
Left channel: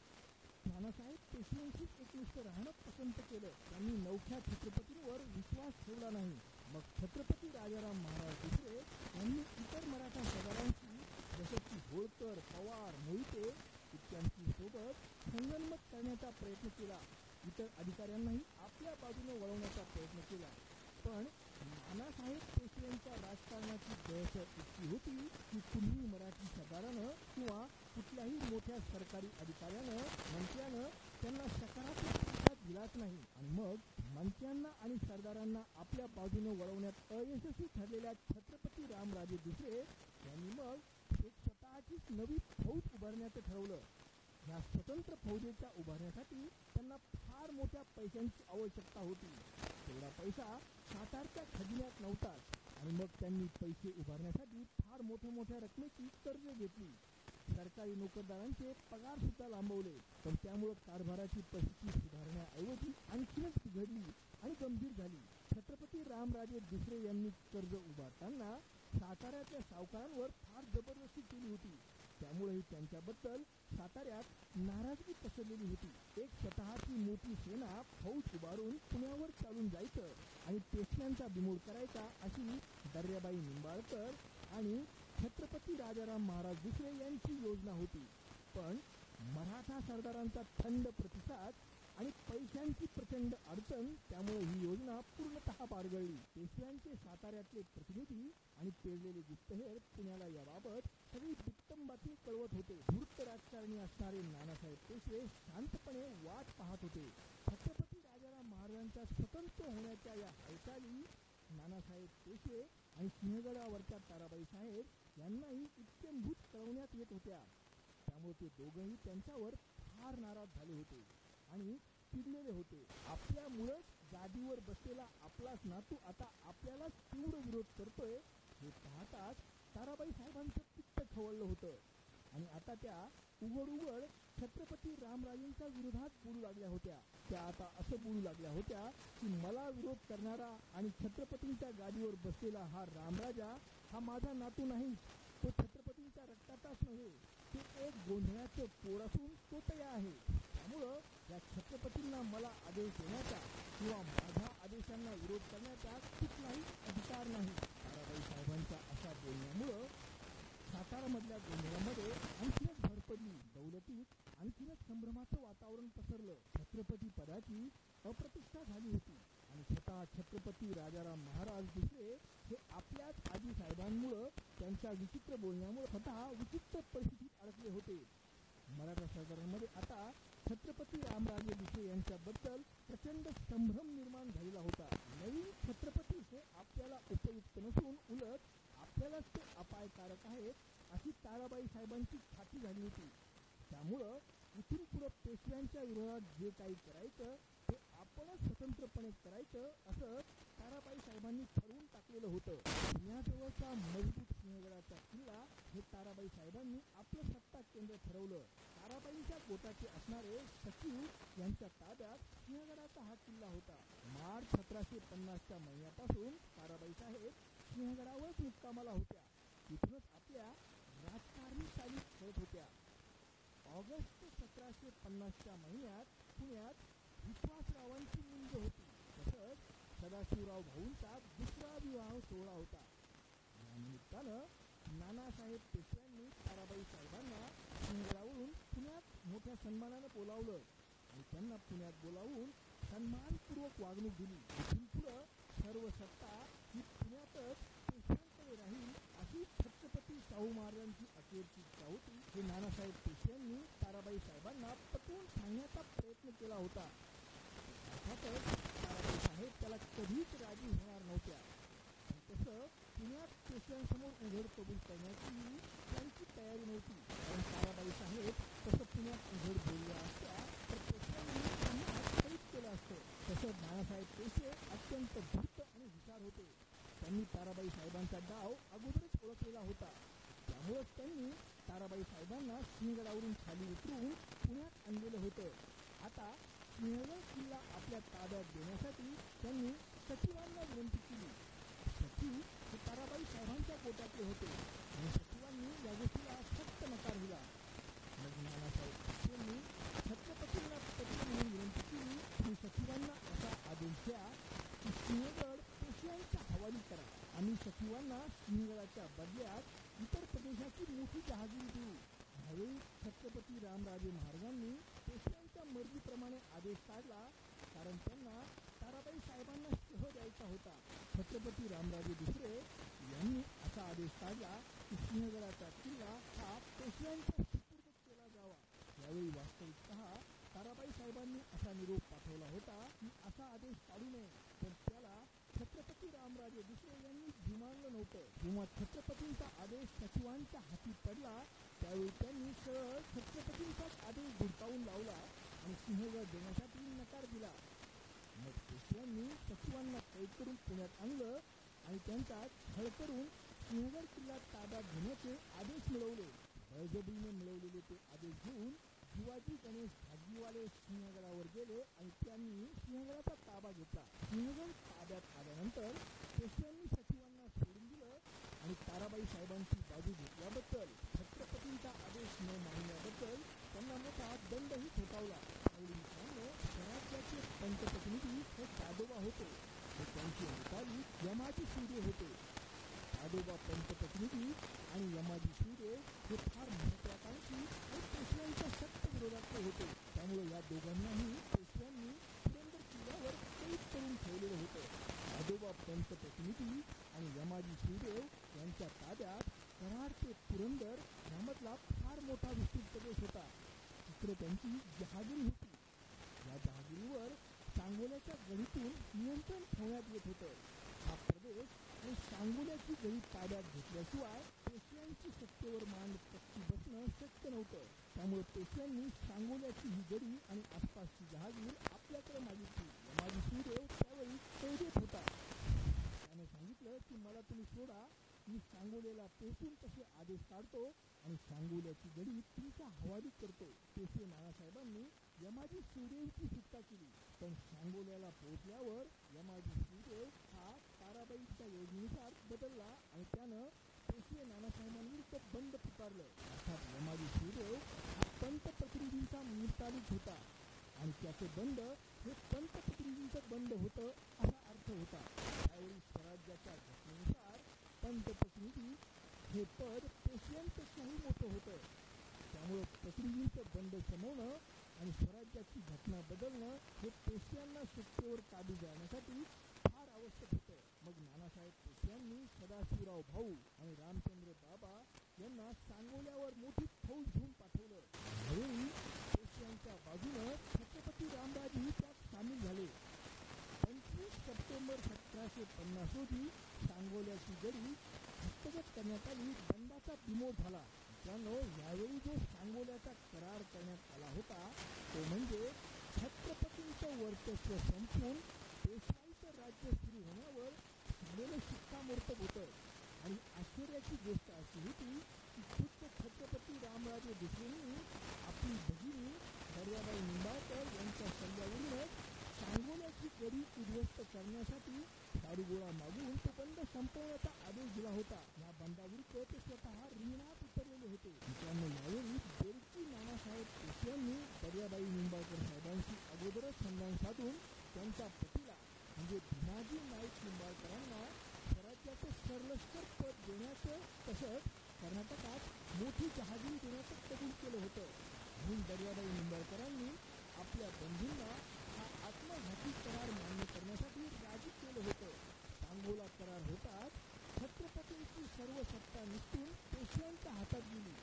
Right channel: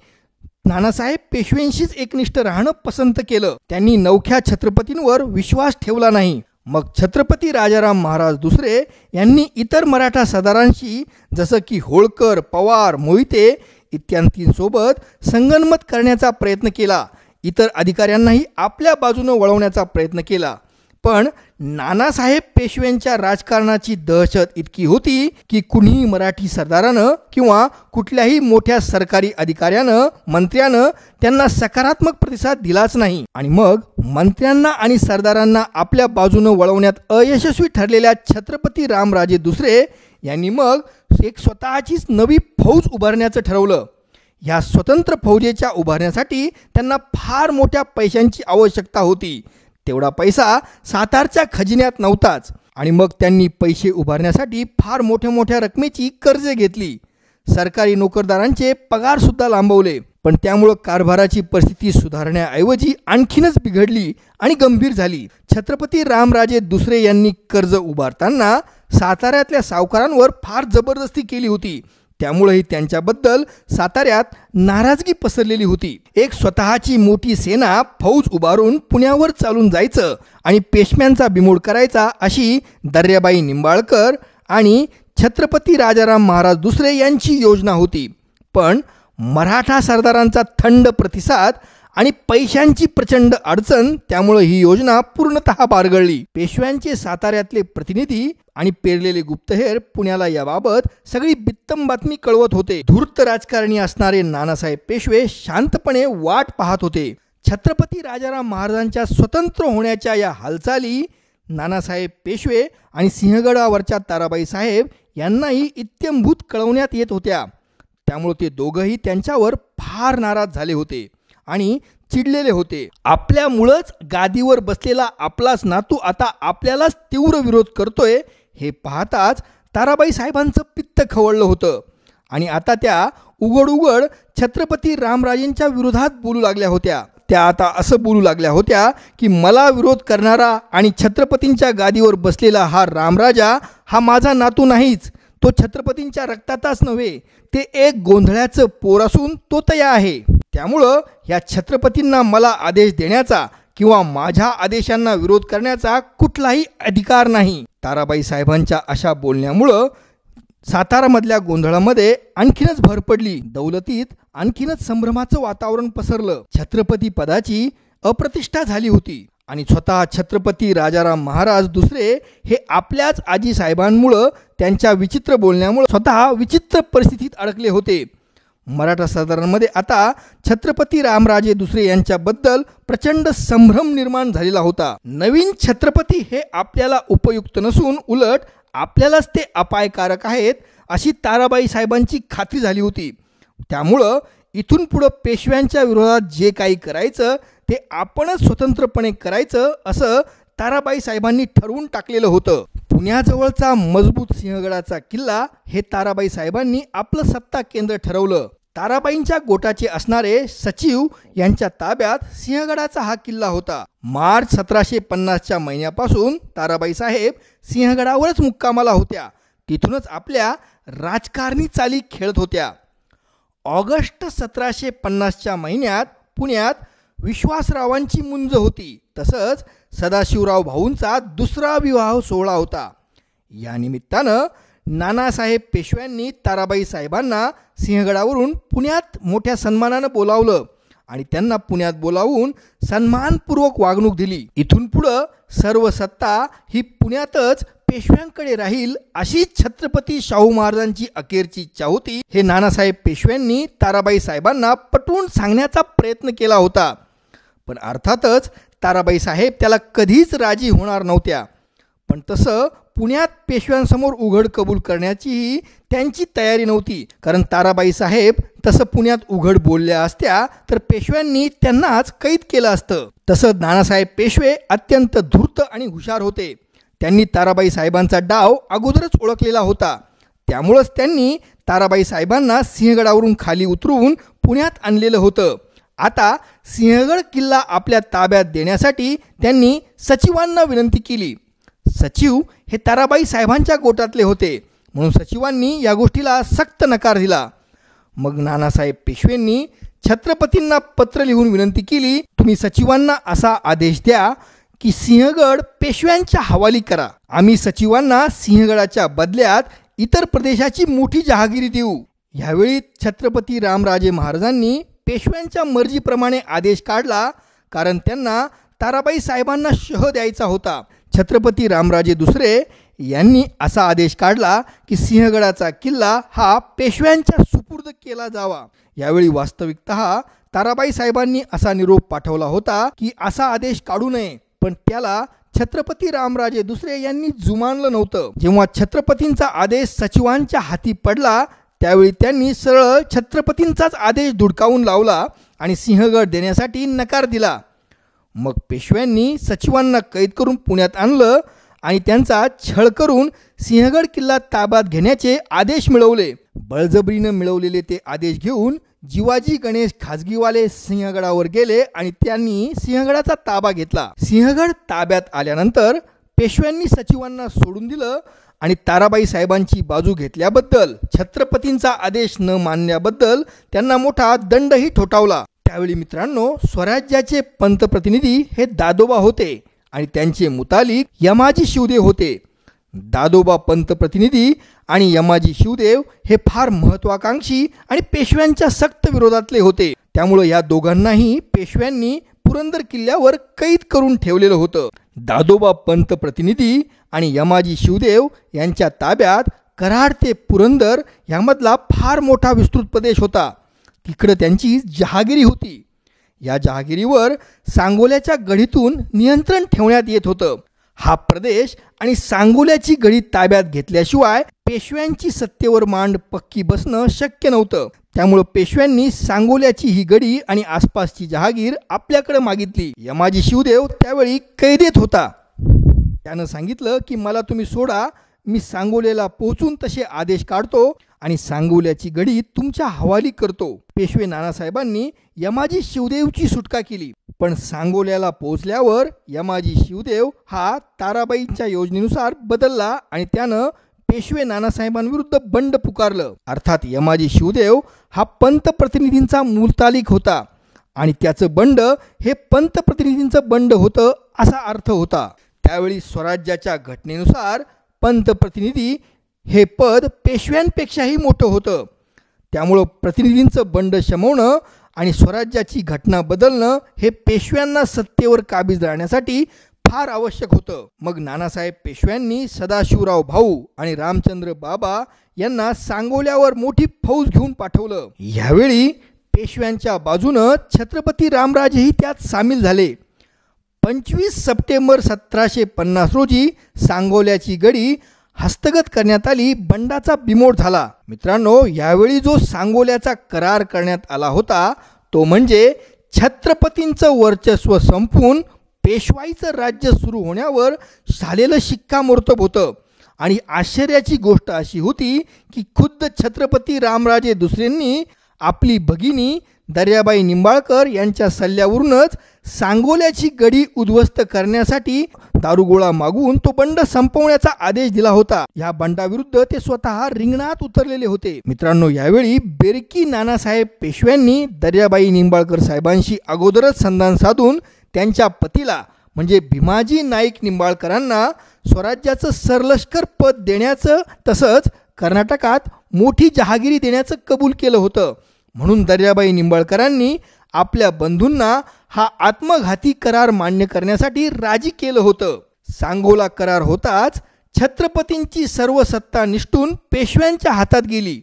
नानासाहेब पेशव्यांशीच एकनिष्ठ राहणं पसंत केलं. त्यांनी नवख्या छत्रपतींवर विश्वास ठेवला नाही. मग छत्रपती राजाराम महाराज दुसरे यांनी इतर मराठा सरदारांशी जसं की होळकर, पवार, मोहिते इत्यादींसोबत संगनमत करण्याचा प्रयत्न केला. इतर अधिकाऱ्यांनाही आपल्या बाजूनं वळवण्याचा प्रयत्न केला. पण नानासाहेब पेशव्यांच्या राजकारणाची दहशत इतकी होती की कुणीही मराठी सरदारानं किंवा कुठल्याही मोठ्या सरकारी अधिकाऱ्यानं, मंत्र्यानं त्यांना सकारात्मक प्रतिसाद दिलाच नाही. आणि मग मंत्र्यांना आणि सरदारांना आपल्या बाजूनं वळवण्यात अयशस्वी ठरलेल्या छत्रपती रामराजे दुसरे यांनी मग एक स्वतःचीच नवी फौज उभारण्याचं ठरवलं. ह्या स्वतंत्र फौजेच्या उभारण्यासाठी त्यांना फार मोठ्या पैशांची आवश्यकता होती. तेवढा पैसा सातारच्या खजिन्यात नव्हताच. आणि मग त्यांनी पैसे उभारण्यासाठी फार मोठ्या रकमेची कर्जे घेतली. सरकारी नोकरदारांचे पगारसुद्धा लांबवले. पण त्यामुळं कारभाराची परिस्थिती सुधारण्याऐवजी आणखीनच बिघडली आणि गंभीर झाली. छत्रपती रामराजे दुसरे यांनी कर्ज उभारताना साताऱ्यातल्या सावकारांवर फार जबरदस्ती केली होती. त्यामुळेही त्यांच्याबद्दल साताऱ्यात नाराजगी पसरलेली होती. एक स्वतःची मोठी सेना, फौज उभारून पुण्यावर चालून जायचं आणि पेशव्यांचा बिमोड करायचा अशी दर्याबाई निंबाळकर आणि छत्रपती राजाराम महाराज दुसरे यांची योजना होती. पण मराठा सरदारांचा थंड प्रतिसाद आणि पैशांची प्रचंड अडचण त्यामुळे ही योजना पूर्णतः बारगळली. पेशव्यांचे साताऱ्यातले प्रतिनिधी आणि पेरलेले गुप्तहेर पुण्याला याबाबत सगळी बित्तम बातमी कळवत होते. धूर्त राजकारणी असणारे नानासाहेब पेशवे शांतपणे वाट पाहत होते. छत्रपती राजाराम महाराजांच्या स्वतंत्र होण्याच्या या हालचाली नानासाहेब पेशवे आणि सिंहगडावरच्या ताराबाई साहेब यांनाही इत्यंभूत कळवण्यात येत होत्या. त्यामुळे ते दोघंही त्यांच्यावर फार नाराज झाले होते आणि चिडलेले होते. आपल्यामुळंच गादीवर बसलेला आपलाच नातू आता आपल्यालाच तीव्र विरोध करतोय हे पाहताच ताराबाई साहेबांचं पित्त खवळलं होतं. आणि आता त्या उघड छत्रपती रामराजेंच्या विरोधात बोलू लागल्या होत्या. त्या आता असं बोलू लागल्या होत्या की मला विरोध करणारा आणि छत्रपतींच्या गादीवर बसलेला हा रामराजा हा माझा नातू नाहीच. तो छत्रपतींच्या रक्तातच नव्हे, ते एक गोंधळ्याचं पोर असून तो तया आहे. त्यामुळं या छत्रपतींना मला आदेश देण्याचा किंवा माझ्या आदेशांना विरोध करण्याचा कुठलाही अधिकार नाही. ताराबाई साहेबांच्या अशा बोलण्यामुळं सातारामधल्या गोंधळामध्ये आणखीनच भर पडली. दौलतीत आणखीनच संभ्रमाचं वातावरण पसरलं. छत्रपती पदाची अप्रतिष्ठा झाली होती आणि स्वतः छत्रपती राजाराम महाराज दुसरे हे आपल्याच आजी साहेबांमुळं, त्यांच्या विचित्र बोलण्यामुळे स्वतः विचित्र परिस्थितीत अडकले होते. मराठा सरदारांमध्ये आता छत्रपती रामराजे दुसरे यांच्याबद्दल प्रचंड संभ्रम निर्माण झालेला होता. नवीन छत्रपती हे आपल्याला उपयुक्त नसून उलट आपल्यालाच ते अपायकारक आहेत अशी ताराबाई साहेबांची खात्री झाली होती. त्यामुळं इथून पुढं पेशव्यांच्या विरोधात जे काही करायचं ते आपणच स्वतंत्रपणे करायचं असं ताराबाई साहेबांनी ठरवून टाकलेलं होतं. पुण्याजवळचा मजबूत सिंहगडाचा किल्ला हे ताराबाई साहेबांनी आपलं सत्ता केंद्र ठरवलं. ताराबाईंच्या गोटाचे असणारे सचिव यांच्या ताब्यात सिंहगडाचा हा किल्ला होता. मार्च 1750च्या महिन्यापासून ताराबाई साहेब सिंहगडावरच मुक्कामाला होत्या. तिथूनच आपल्या राजकारणी चाली खेळत होत्या. ऑगस्ट 1750च्या महिन्यात पुण्यात विश्वासरावांची मुंज होती. तसंच सदाशिवराव भाऊंचा दुसरा विवाह सोहळा होता. या निमित्तानं नानासाहेब पेशव्यांनी ताराबाई साहेबांना सिंहगडावरून पुण्यात मोठ्या सन्मानानं बोलावलं आणि त्यांना पुण्यात बोलावून सन्मानपूर्वक वागणूक दिली. इथून पुढं सर्व सत्ता ही पुण्यातच पेशव्यांकडे राहील अशी छत्रपती शाहू महाराजांची अखेरची इच्छा होती. हे नानासाहेब पेशव्यांनी ताराबाई साहेबांना पटवून सांगण्याचा प्रयत्न केला होता. पण अर्थातच ताराबाई साहेब त्याला कधीच राजी होणार नव्हत्या. पण तसं पुण्यात पेशव्यांसमोर उघड कबूल करण्याचीही त्यांची तयारी नव्हती. कारण ताराबाई साहेब तसं पुण्यात उघड बोलल्या असत्या तर पेशव्यांनी त्यांनाच कैद केलं असतं. तसं नानासाहेब पेशवे अत्यंत धूर्त आणि हुशार होते. त्यांनी ताराबाई साहेबांचा डाव अगोदरच ओळखलेला होता. त्यामुळंच त्यांनी ताराबाई साहेबांना सिंहगडावरून खाली उतरवून पुण्यात आणलेलं होतं. आता सिंहगड किल्ला आपल्या ताब्यात देण्यासाठी त्यांनी सचिवांना विनंती केली. सचिव हे ताराबाई साहेबांच्या गोटातले होते म्हणून सचिवांनी या गोष्टीला सक्त नकार दिला. मग नानासाहेब पेशवेंनी छत्रपतींना पत्र लिहून विनंती केली, तुम्ही सचिवांना असा आदेश द्या की सिंहगड पेशव्यांच्या हवाली करा. आम्ही सचिवांना सिंहगडाच्या बदल्यात इतर प्रदेशाची मोठी जहागिरी देऊ. यावेळी छत्रपती रामराजे महाराजांनी पेशव्यांच्या मर्जीप्रमाणे आदेश काढला. कारण त्यांना ताराबाई साहेबांना शह द्यायचा होता. छत्रपती रामराजे दुसरे यांनी असा आदेश काढला की सिंहगडाचा किल्ला हा पेशव्यांच्या सुपूर्द केला जावा. यावेळी वास्तविकतः ताराबाई साहेबांनी असा निरोप पाठवला होता की असा आदेश काढू नये. पण त्याला छत्रपती रामराजे दुसरे यांनी जुमानलं नव्हतं. जेव्हा छत्रपतींचा आदेश सचिवांच्या हाती पडला त्यावेळी त्यांनी सरळ छत्रपतींचाच आदेश धुडकावून लावला आणि सिंहगड देण्यासाठी नकार दिला. मग पेशव्यांनी सचिवांना कैद करून पुण्यात आणलं आणि त्यांचा छळ करून सिंहगड किल्ला ताब्यात घेण्याचे आदेश मिळवले. बळजबरीनं मिळवलेले ते आदेश घेऊन जिवाजी गणेश खाजगीवाले सिंहगडावर गेले आणि त्यांनी सिंहगडाचा ताबा घेतला. सिंहगड ताब्यात आल्यानंतर पेशव्यांनी सचिवांना सोडून दिलं आणि ताराबाई साहेबांची बाजू घेतल्याबद्दल, छत्रपतींचा आदेश न मानल्याबद्दल त्यांना मोठा दंडही ठोठावला. त्यावेळी मित्रांनो, स्वराज्याचे पंतप्रतिनिधी हे दादोबा होते आणि त्यांचे मुतालिक यमाजी शिवदेव होते. दादोबा पंतप्रतिनिधी आणि यमाजी शिवदेव हे फार महत्त्वाकांक्षी आणि पेशव्यांच्या सक्त विरोधातले होते. त्यामुळे या दोघांनाही पेशव्यांनी पुरंदर किल्ल्यावर कैद करून ठेवलेलं होतं. दादोबा पंतप्रतिनिधी आणि यमाजी शिवदेव यांच्या ताब्यात कराड ते पुरंदर यामधला फार मोठा विस्तृत प्रदेश होता. तिकडं त्यांची जहागिरी होती. या जहागिरीवर सांगोल्याच्या गढीतून नियंत्रण ठेवण्यात येत होतं. हा प्रदेश आणि सांगोल्याची गढी ताब्यात घेतल्याशिवाय पेशव्यांची सत्तेवर मांड पक्की बसणं शक्य नव्हतं. त्यामुळं पेशव्यांनी सांगोल्याची ही गढी आणि आसपासची जहागीर आपल्याकडे मागितली. यमाजी शिवदेव त्यावेळी कैदेत होता. त्यानं सांगितलं की मला तुम्ही सोडा, मी सांगोल्याला पोहोचून तसे आदेश काढतो आणि सांगोल्याची गढी तुमच्या हवाली करतो. पेशवे नानासाहेबांनी यमाजी शिवदेवची सुटका केली. पण सांगोल्याला पोहोचल्यावर यमाजी शिवदेव हा ताराबाईंच्या योजनेनुसार बदलला आणि त्यानं पेशवे नानासाहेबांविरुद्ध बंड पुकारलं. अर्थात यमाजी शिवदेव हा पंतप्रतिनिधींचा मुतालिक होता आणि त्याचं बंड हे पंतप्रतिनिधींचं बंड होतं असा अर्थ होता. त्यावेळी स्वराज्याच्या घटनेनुसार पंतप्रतिनिधी हे पद पेशव्यांपेक्षाही मोठं होतं. त्यामुळं प्रतिनिधींचं बंड शमवणं आणि स्वराज्याची घटना बदलणं हे पेशव्यांना सत्तेवर काबीज राहण्यासाठी फार आवश्यक होतं. मग नानासाहेब पेशव्यांनी सदाशिवराव भाऊ आणि रामचंद्र बाबा यांना सांगोल्यावर मोठी फौज घेऊन पाठवलं. यावेळी पेशव्यांच्या बाजूनं छत्रपती रामराजेही त्यात सामील झाले. 25 सप्टेंबर 1750 रोजी सांगोल्याची गढी हस्तगत करण्यात आली. बंडाचा बिमोड झाला. मित्रांनो, यावेळी जो सांगोल्याचा करार करण्यात आला होता तो म्हणजे छत्रपतींचं वर्चस्व संपून पेशवाईचं राज्य सुरू होण्यावर झालेलं शिक्कामोर्तब होतं. आणि आश्चर्याची गोष्ट अशी होती की खुद्द छत्रपती रामराजे दुसऱ्यांनी आपली भगिनी दर्याबाई निंबाळकर यांच्या सल्ल्यावरूनच सांगोल्याची गढी उद्ध्वस्त करण्यासाठी दारुगोळा मागून तो बंड संपवण्याचा आदेश दिला होता. या बंडाविरुद्ध ते स्वतः रिंगणात उतरलेले होते. मित्रांनो, यावेळी बेरकी नानासाहेब पेशव्यांनी दर्याबाई निंबाळकर साहेबांशी अगोदरच संधान साधून त्यांच्या पतीला म्हणजे भीमाजी नाईक निंबाळकरांना स्वराज्याचं सरलष्कर पद देण्याचं तसंच कर्नाटकात मोठी जहागिरी देण्याचं कबूल केलं होतं. म्हणून दर्याबाई निंबाळकरांनी आपल्या बंधूंना हा आत्मघाती करार मान्य करण्यासाठी राजी केलं होतं. सांगोला करार होताच छत्रपतींची सर्व सत्ता निष्ठून पेशव्यांच्या हातात गेली.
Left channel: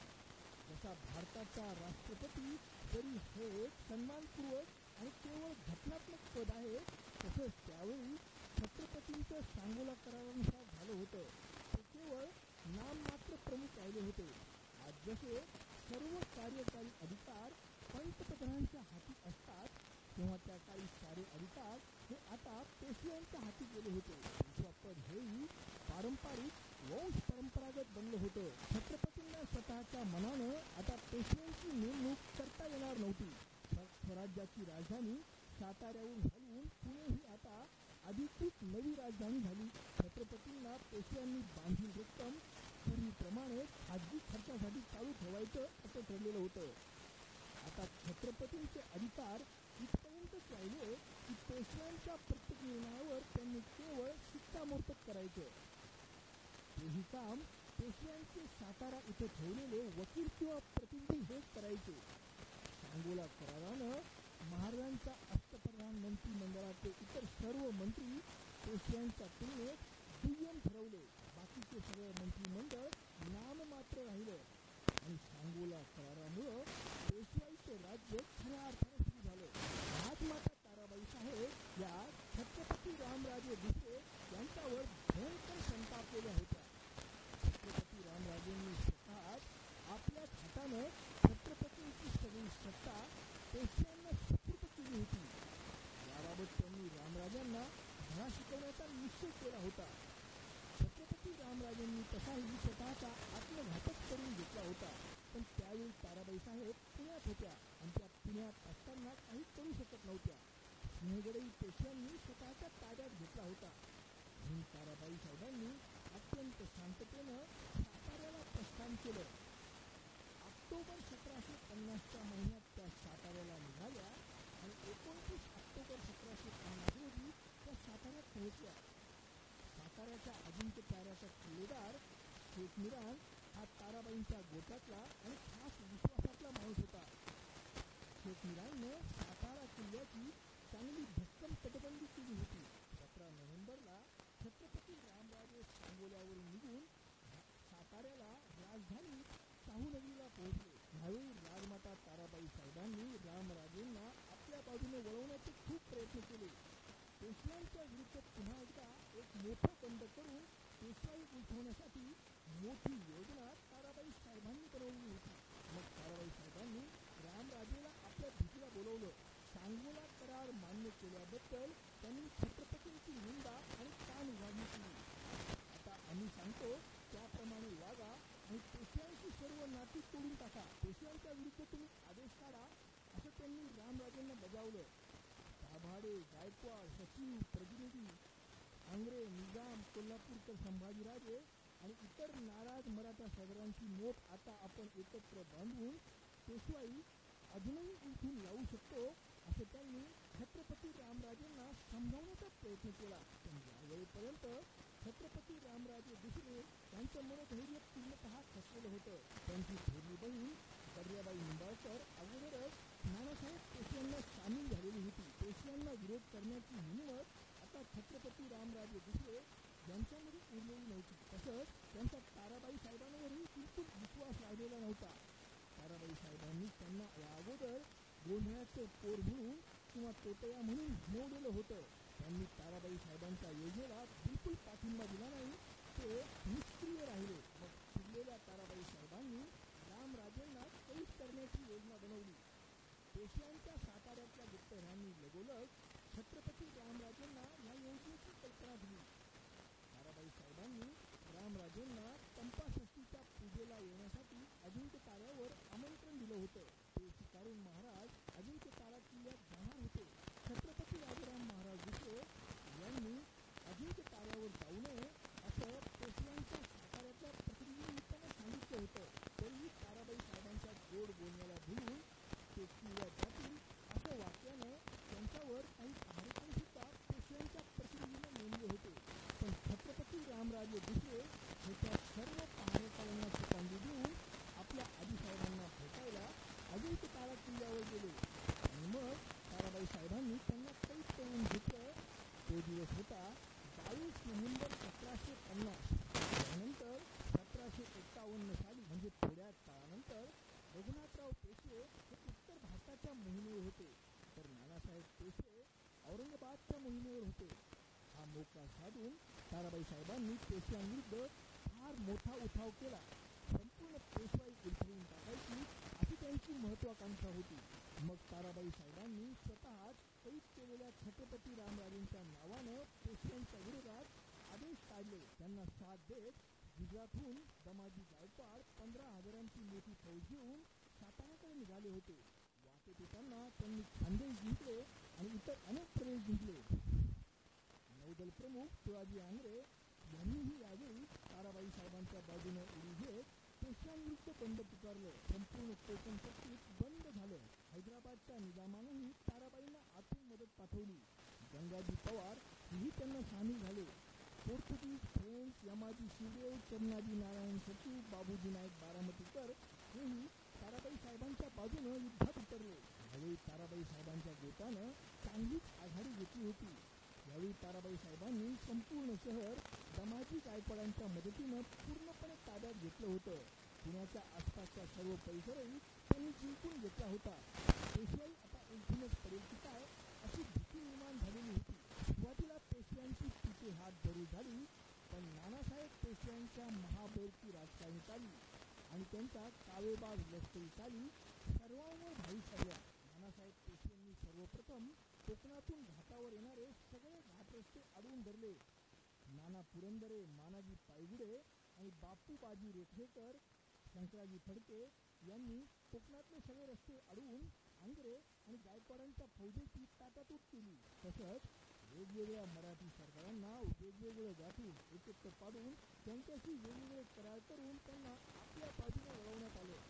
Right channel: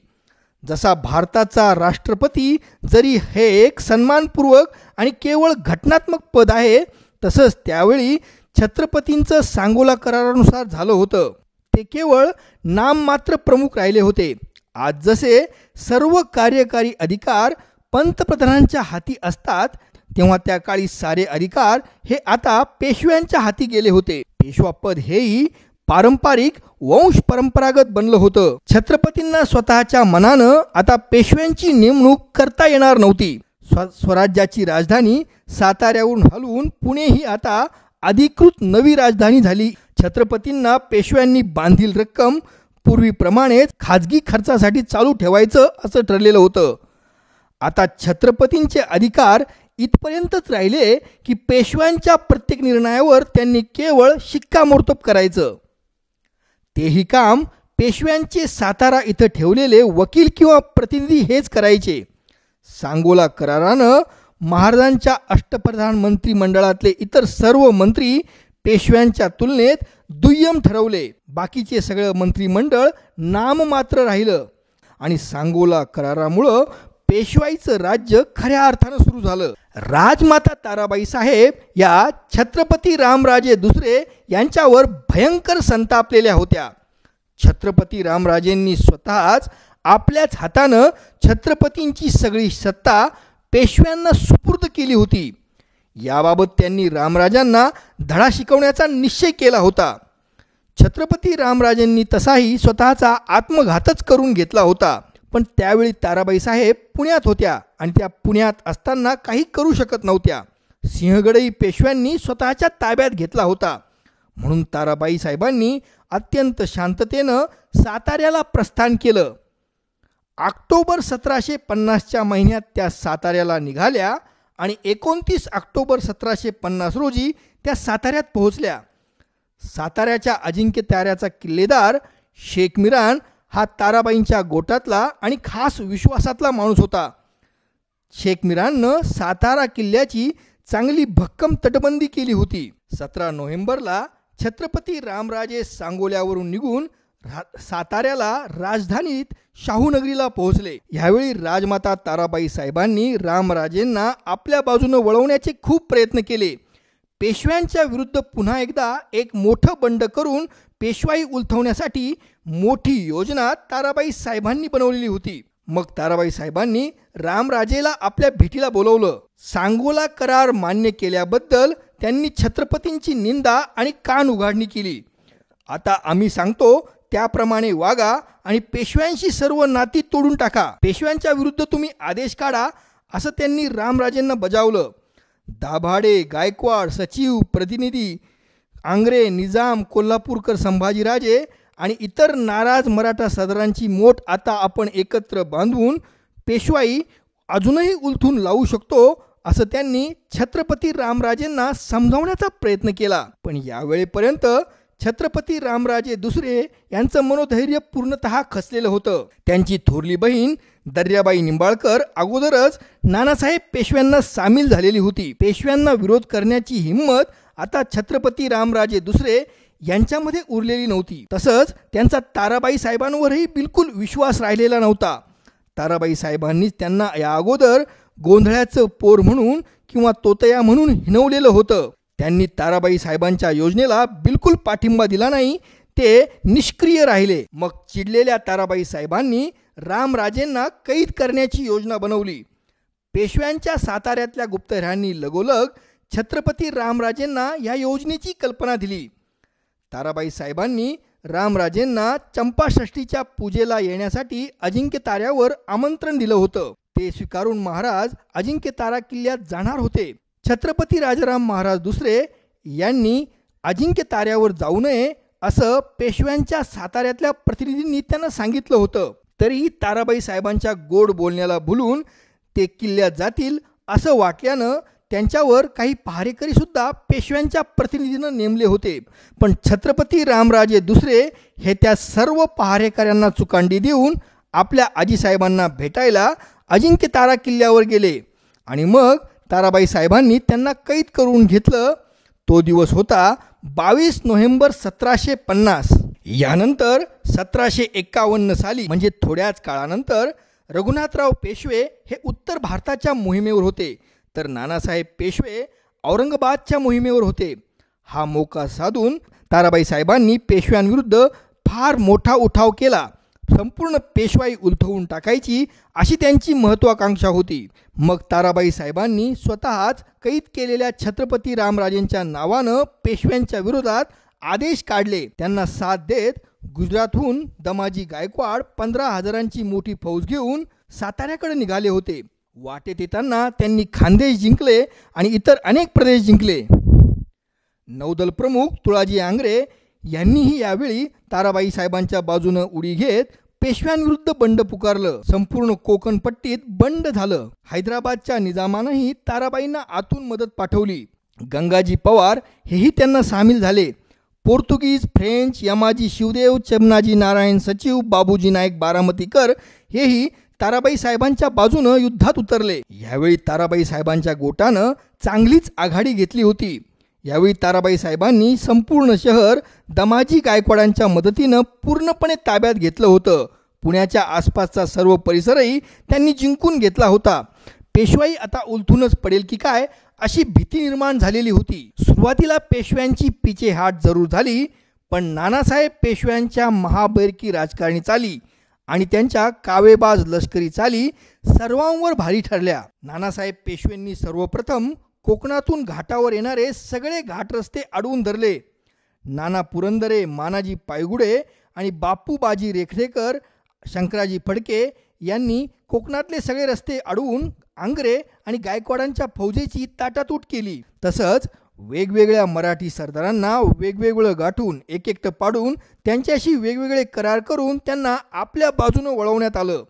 जसा भारताचा राष्ट्रपती जरी हे एक सन्मानपूर्वक आणि केवळ घटनात्मक पद आहे, तसंच त्यावेळी छत्रपतींचं सांगोला करारानुसार झालं होतं. ते केवळ नाममात्र प्रमुख राहिले होते. आज जसे सर्व कार्यकारी अधिकार पंतप्रधानांच्या हाती असतात, तेव्हा त्या काळी सारे अधिकार हे आता पेशव्यांच्या हाती गेले होते. पेशवापद हेही पारंपरिक वंश परंपरागत बनलं होतं. छत्रपतींना स्वतःच्या मनानं आता पेशव्यांची नेमणूक करता येणार नव्हती. स्वराज्याची राजधानी साताऱ्यावरून हलवून पुणे ही आता अधिकृत नवी राजधानी झाली. छत्रपतींना पेशव्यांनी बांधील रक्कम पूर्वीप्रमाणेच खाजगी खर्चासाठी चालू ठेवायचं असं ठरलेलं होतं. आता छत्रपतींचे अधिकार इथपर्यंतच राहिले की पेशव्यांच्या प्रत्येक निर्णयावर त्यांनी केवळ शिक्कामोर्तब करायचं. तेही काम पेशव्यांचे सातारा इथं ठेवलेले वकील किंवा प्रतिनिधी हेच करायचे. सांगोला करारानं महाराजांच्या अष्टप्रधान मंत्रिमंडळातले इतर सर्व मंत्री पेशव्यांच्या तुलनेत दुय्यम ठरवले. बाकीचे सगळं मंत्रिमंडळ नाममात्र राहिलं आणि सांगोला करारामुळं पेशवाईचं राज्य खऱ्या अर्थानं सुरू झालं. राजमाता ताराबाई साहेब या छत्रपती रामराजे दुसरे यांच्यावर भयंकर संतापलेल्या होत्या. छत्रपती रामराजेंनी स्वतःच आपल्याच हातानं छत्रपतींची सगळी सत्ता पेशव्यांना सुपूर्द केली होती. याबाबत त्यांनी रामराजांना धडा शिकवण्याचा निश्चय केला होता. छत्रपती रामराजेंनी तसाही स्वतःचा आत्मघातच करून घेतला होता. पण त्यावेळी ताराबाई साहेब पुण्यात होत्या आणि त्या पुण्यात असताना काही करू शकत नव्हत्या. सिंहगडही पेशव्यांनी स्वतःच्या ताब्यात घेतला होता. म्हणून ताराबाई साहेबांनी अत्यंत शांततेनं साताऱ्याला प्रस्थान केलं. ऑक्टोबर 1750च्या महिन्यात त्या साताऱ्याला निघाल्या आणि 29 ऑक्टोबर 1750 रोजी त्या साताऱ्यात पोहोचल्या. साताऱ्याच्या अजिंक्य ताऱ्याचा किल्लेदार शेख मिरान हा ताराबाईंच्या गोटातला आणि खास विश्वासातला माणूस होता. शेख मिराननं सातारा किल्ल्याची चांगली भक्कम तटबंदी केली होती. 17 नोव्हेंबरला छत्रपती रामराजे सांगोल्यावरून निघून साताऱ्याला राजधानीत शाहूनगरीला पोहोचले. यावेळी राजमाता ताराबाई साहेबांनी रामराजेंना आपल्या बाजूनं वळवण्याचे खूप प्रयत्न केले. पेशव्यांच्या विरुद्ध पुन्हा एकदा एक मोठं बंड करून पेशवाई उलथवण्यासाठी मोठी योजना ताराबाई साहेबांनी बनवलेली होती. मग ताराबाई साहेबांनी रामराजेला आपल्या भेटीला बोलवलं. सांगोला करार मान्य केल्याबद्दल त्यांनी छत्रपतींची निंदा आणि कान उघाडणी केली. आता आम्ही सांगतो त्याप्रमाणे वागा आणि पेशव्यांशी सर्व नाती तोडून टाका. पेशव्यांच्या विरुद्ध तुम्ही आदेश काढा असं त्यांनी रामराजेंना बजावलं. दाभाडे, गायकवाड, सचिव, प्रतिनिधी, आंग्रे, निजाम, कोल्हापूरकर, संभाजीराजे आणि इतर नाराज मराठा सरदारांची मोठ आता आपण एकत्र बांधून पेशवाई अजूनही उलथून लावू शकतो असं त्यांनी छत्रपती रामराजेंना समजावण्याचा प्रयत्न केला. पण यावेळेपर्यंत छत्रपती रामराजे दुसरे यांचं मनोधैर्य पूर्णतः खचलेलं होतं. त्यांची थोरली बहीण दर्याबाई निंबाळकर अगोदरच नानासाहेब पेशव्यांना सामील झालेली होती. पेशव्यांना विरोध करण्याची हिंमत आता छत्रपती रामराजे दुसरे यांच्यामध्ये उरलेली नव्हती. तसंच त्यांचा ताराबाई साहेबांवरही बिलकुल विश्वास राहिलेला नव्हता. ताराबाई साहेबांनीच त्यांना या अगोदर गोंधळ्याचं पोर म्हणून किंवा तोतया म्हणून हिणवलेलं होतं. त्यांनी ताराबाई साहेबांच्या योजनेला बिलकुल पाठिंबा दिला नाही. ते निष्क्रिय राहिले. मग चिडलेल्या ताराबाई साहेबांनी रामराजेंना कैद करण्याची योजना बनवली. पेशव्यांच्या साताऱ्यातल्या गुप्तहेरांनी लगोलग छत्रपती रामराजेंना या योजनेची कल्पना दिली. ताराबाई साहेबांनी रामराजेंना चंपाषष्ठीच्या पूजेला येण्यासाठी अजिंक्य ताऱ्यावर आमंत्रण दिलं होतं. ते स्वीकारून महाराज अजिंक्य तारा किल्ल्यात जाणार होते. छत्रपती राजाराम महाराज दुसरे यांनी अजिंक्य ताऱ्यावर जाऊ नये असं पेशव्यांच्या साताऱ्यातल्या प्रतिनिधींनी त्यांना सांगितलं होतं. तरी ताराबाई साहेबांच्या गोड बोलण्याला भुलून ते किल्ल्यात जातील असं वाटल्यानं त्यांच्यावर काही पहारेकरी सुद्धा पेशव्यांच्या प्रतिनिधींना नेमले होते. पण छत्रपती रामराजे दुसरे हे त्या सर्व पहारेकऱ्यांना चुकांडी देऊन आपल्या आजीसाहेबांना भेटायला अजिंक्य तारा किल्ल्यावर गेले आणि मग ताराबाई साहेबांनी त्यांना कैद करून घेतलं. तो दिवस होता 22 नोव्हेंबर 1750. यानंतर 1751 साली म्हणजे थोड्याच काळानंतर रघुनाथराव पेशवे हे उत्तर भारताच्या मोहिमेवर होते, तर नानासाहेब पेशवे औरंगाबादच्या मोहिमेवर होते. हा मोका साधून ताराबाई साहेबांनी पेशव्यांविरुद्ध फार मोठा उठाव केला. संपूर्ण पेशवाई उलथवून टाकायची अशी त्यांची महत्त्वाकांक्षा होती. मग ताराबाई साहेबांनी स्वतःच कैद केलेल्या छत्रपती रामराजेंच्या नावानं पेशव्यांच्या विरोधात आदेश काढले. त्यांना साथ देत गुजरातहून दमाजी गायकवाड 15,000ची मोठी फौज घेऊन साताऱ्याकडे निघाले होते. वाटेत येताना त्यांनी खानदेश जिंकले आणि इतर अनेक प्रदेश जिंकले. नौदल प्रमुख तुळाजी आंग्रे यांनीही यावेळी ताराबाई साहेबांच्या बाजूनं उडी घेत पेशव्यांविरुद्ध बंड पुकारलं. संपूर्ण कोकण पट्टीत बंड झालं. हैदराबादच्या निजामानंही ताराबाईंना आतून मदत पाठवली. गंगाजी पवार हेही त्यांना सामील झाले. पोर्तुगीज, फ्रेंच, यमाजी शिवदेव, चमनाजी नारायण सचिव, बाबूजी नाईक बारामतीकर हेही ताराबाई साहेबांच्या बाजूनं युद्धात उतरले. यावेळी ताराबाई साहेबांच्या गोटानं चांगलीच आघाडी घेतली होती. यावेळी ताराबाई साहेबांनी संपूर्ण शहर दमाजी गायकवाडांच्या मदतीनं पूर्णपणे ताब्यात घेतलं होतं. पुण्याच्या आसपासचा सर्व परिसरही त्यांनी जिंकून घेतला होता. पेशवाई आता उलथूनच पडेल की काय अशी भीती निर्माण झालेली होती. सुरुवातीला पेशव्यांची पिछेहाट जरूर झाली, पण नानासाहेब पेशव्यांच्या महाबैरकी राजकारणी चाली आणि त्यांच्या कावेबाज लष्करी चाली सर्वांवर भारी ठरल्या. नानासाहेब पेशव्यांनी सर्वप्रथम कोकणातून घाटावर येणारे सगळे घाटरस्ते अडवून धरले. नाना पुरंदरे, मानाजी पायगुडे आणि बापू बाजी रेखरेकर, शंकराजी फडके यांनी कोकणातले सगळे रस्ते अडवून आंग्रे आणि गायकवाडांच्या फौजेची ताटातूट केली. तसंच वेगवेगळ्या मराठी सरदारांना वेगवेगळं गाठून एक पाडून त्यांच्याशी वेगवेगळे करार करून त्यांना आपल्या बाजूनं वळवण्यात आलं.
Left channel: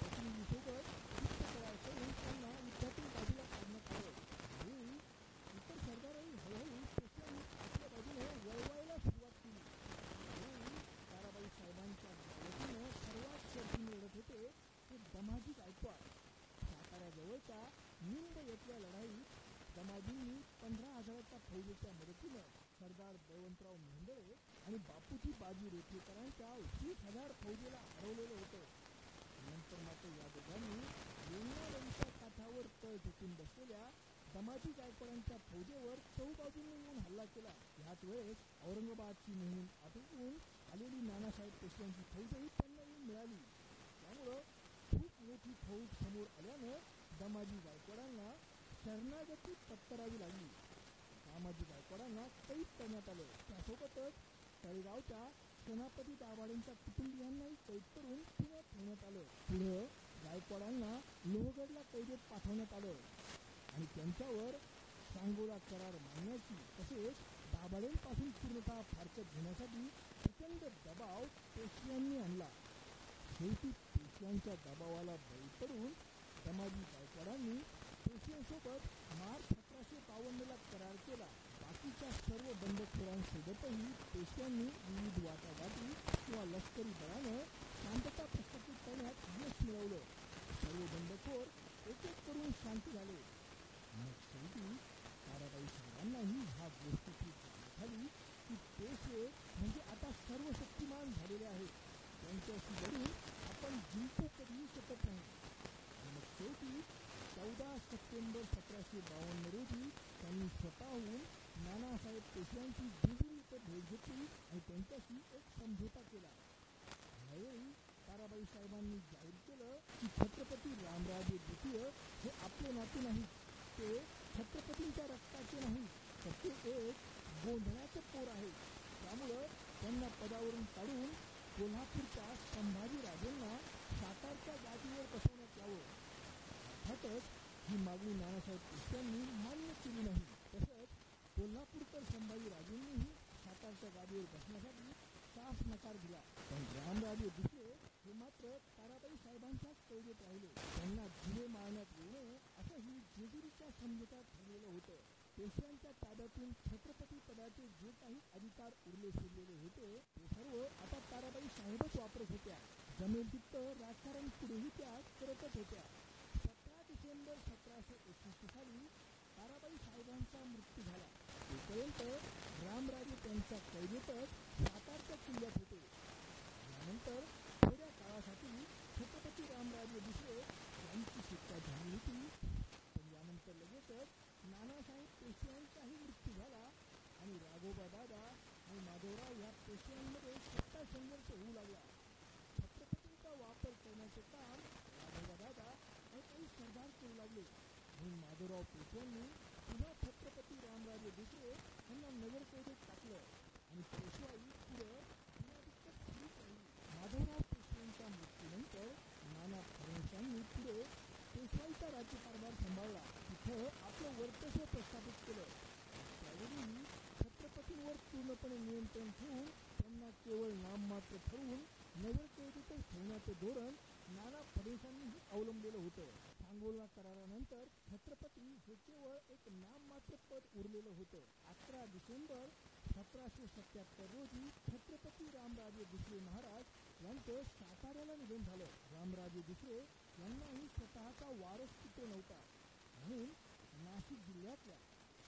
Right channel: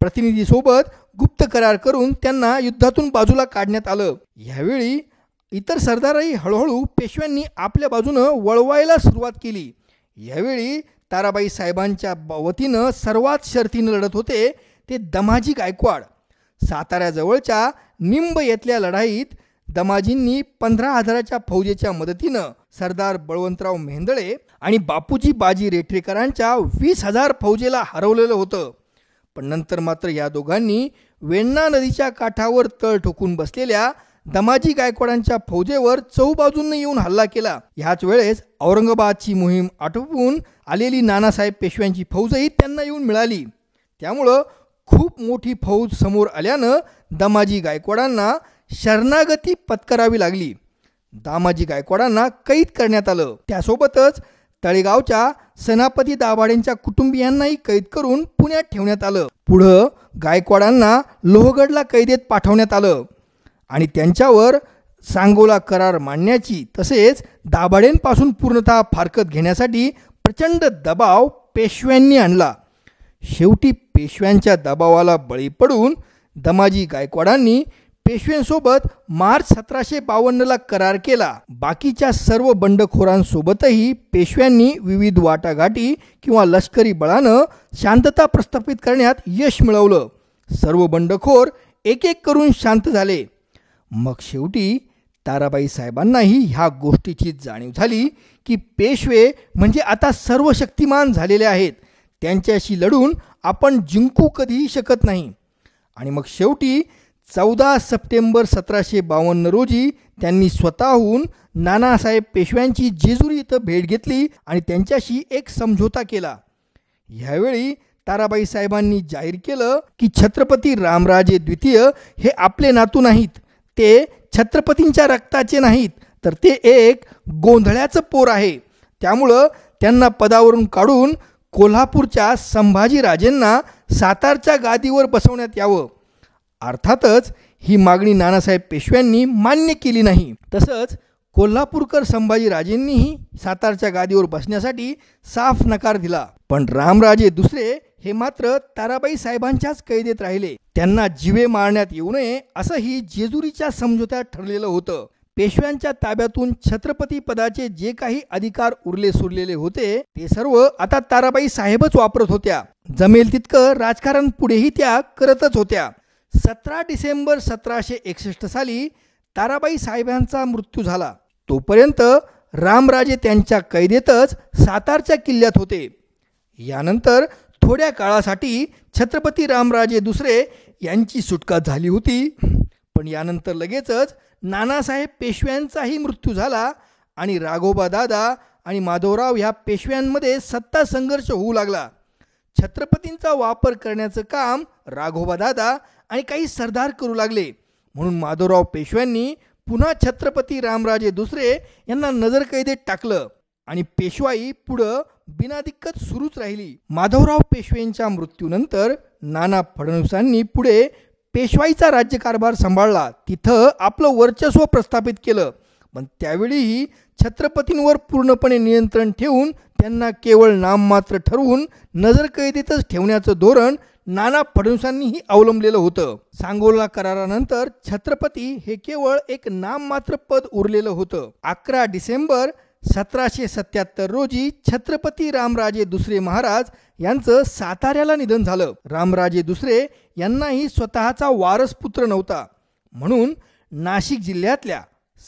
प्रतिनिधीसोबत गुप्त करार करून त्यांना युद्धातून बाजूला काढण्यात आलं. यावेळी इतर सरदारही हळूहळू पेशव्यांनी आपल्या बाजूनं वळवायला सुरुवात केली. यावेळी ताराबाई साहेबांच्या वतीनं सर्वात शर्थीनं लढत होते ते दमाजी गायकवाड. साताऱ्याजवळच्या निंब येथल्या लढाईत दमाजींनी 15,000च्या फौजेच्या मदतीनं सरदार बळवंतराव मेहेंदळे आणि बापूजी बाजी रेठरेकरांच्या 20,000 फौजेला हरवलेलं होतं. पण नंतर मात्र या दोघांनी वेण्णा नदीच्या काठावर तळ ठोकून बसलेल्या दमाजी गायकवाडांच्या फौजेवर चहूबाजूंनी येऊन हल्ला केला. ह्याच वेळेस औरंगाबादची मोहीम आटोपून आलेली नानासाहेब पेशव्यांची फौजही त्यांना येऊन मिळाली. त्यामुळं खूप मोठी फौज समोर आल्यानं दमाजी गायकवाडांना शरणागती पत्करावी लागली. दामाजी गायकवाडांना कैद करण्यात आलं. त्यासोबतच तळेगावच्या सेनापती दाभाडेंच्या कुटुंबियांनाही कैद करून पुण्यात ठेवण्यात आलं. पुढं गायकवाडांना लोहगडला कैदेत पाठवण्यात आलं आणि त्यांच्यावर सांगोला करार मांडण्याची तसेच दाभाडेंपासून पूर्णतः फारकत घेण्यासाठी प्रचंड दबाव पेशव्यांनी आणला. शेवटी पेशव्यांच्या दबावाला बळी पडून दमाजी गायकवाडांनी पेशव्यांसोबत मार्च 1752ला करार केला. बाकीच्या सर्व बंडखोरांसोबतही पेशव्यांनी विविध वाटाघाटी किंवा लष्करी बळानं शांतता प्रस्थापित करण्यात यश मिळवलं. सर्व बंडखोर एक एक करून शांत झाले. मग शेवटी ताराबाई साहेबांनाही ह्या गोष्टीची जाणीव झाली की पेशवे म्हणजे आता सर्व शक्तिमान झालेले आहेत. त्यांच्याशी लढून आपण जिंकू कधीही शकत नाही. आणि मग शेवटी 14 सप्टेंबर 1752 रोजी त्यांनी स्वतःहून नानासाहेब पेशव्यांची जेजुरी इथं भेट घेतली आणि त्यांच्याशी एक समझोता केला. ह्यावेळी ताराबाई साहेबांनी जाहीर केलं की छत्रपती रामराजे द्वितीय हे आपले नातू नाहीत, ते छत्रपतींच्या रक्ताचे नाहीत, तर ते एक गोंधळ्याचं पोर आहे. त्यामुळं त्यांना पदावरून काढून कोल्हापूरच्या संभाजीराजेंना सातारच्या गादीवर बसवण्यात यावं. अर्थातच ही मागणी नानासाहेब पेशव्यांनी मान्य केली नाही. तसंच कोल्हापूरकर संभाजीराजेंनीही सातारच्या गादीवर बसण्यासाठी साफ नकार दिला. पण रामराजे दुसरे हे मात्र ताराबाई साहेबांच्याच कैदेत राहिले. त्यांना जीवे मारण्यात येऊ नये असंही जेजुरीच्या समझोत्यात ठरलेलं होतं. पेशव्यांच्या ताब्यातून छत्रपती पदाचे जे काही अधिकार उरले सुरलेले होते ते सर्व आता ताराबाई साहेबच वापरत होत्या. जमेल तितकं राजकारण पुढेही त्या करतच होत्या. 17 डिसेंबर 1761 साली ताराबाई साहेबांचा मृत्यू झाला. तोपर्यंत रामराजे त्यांच्या कैदेतच सातारच्या किल्ल्यात होते. यानंतर थोड्या काळासाठी छत्रपती रामराजे दुसरे यांची सुटका झाली होती. पण यानंतर लगेचच नानासाहेब पेशव्यांचाही मृत्यू झाला आणि राघोबा दादा आणि माधवराव ह्या पेशव्यांमध्ये सत्ता संघर्ष होऊ लागला. छत्रपतींचा वापर करण्याचं काम राघोबा दादा आणि काही सरदार करू लागले. म्हणून माधवराव पेशव्यांनी पुन्हा छत्रपती रामराजे दुसरे यांना नजरकैदेत टाकलं आणि पेशवाई पुढं बिनादिक्कत सुरूच राहिली. माधवराव पेशव्यांच्या मृत्यूनंतर नाना फडणवीसांनी पुढे पेशवाईचा राज्यकारभार सांभाळला. तिथं आपलं वर्चस्व प्रस्थापित केलं. पण त्यावेळीही छत्रपतींवर पूर्णपणे नियंत्रण ठेवून त्यांना केवळ नाममात्र ठरवून नजरकैदेतच ठेवण्याचं धोरण नाना फडणवीसांनीही अवलंबलेलं होतं. सांगोला करारानंतर छत्रपती हे केवळ एक नाममात्र पद उरलेलं होतं. 11 डिसेंबर 1777 रोजी छत्रपती रामराजे दुसरे महाराज यांचं साताऱ्याला निधन झालं. रामराजे दुसरे यांनाही स्वतःचा वारसपुत्र नव्हता. म्हणून नाशिक जिल्ह्यातल्या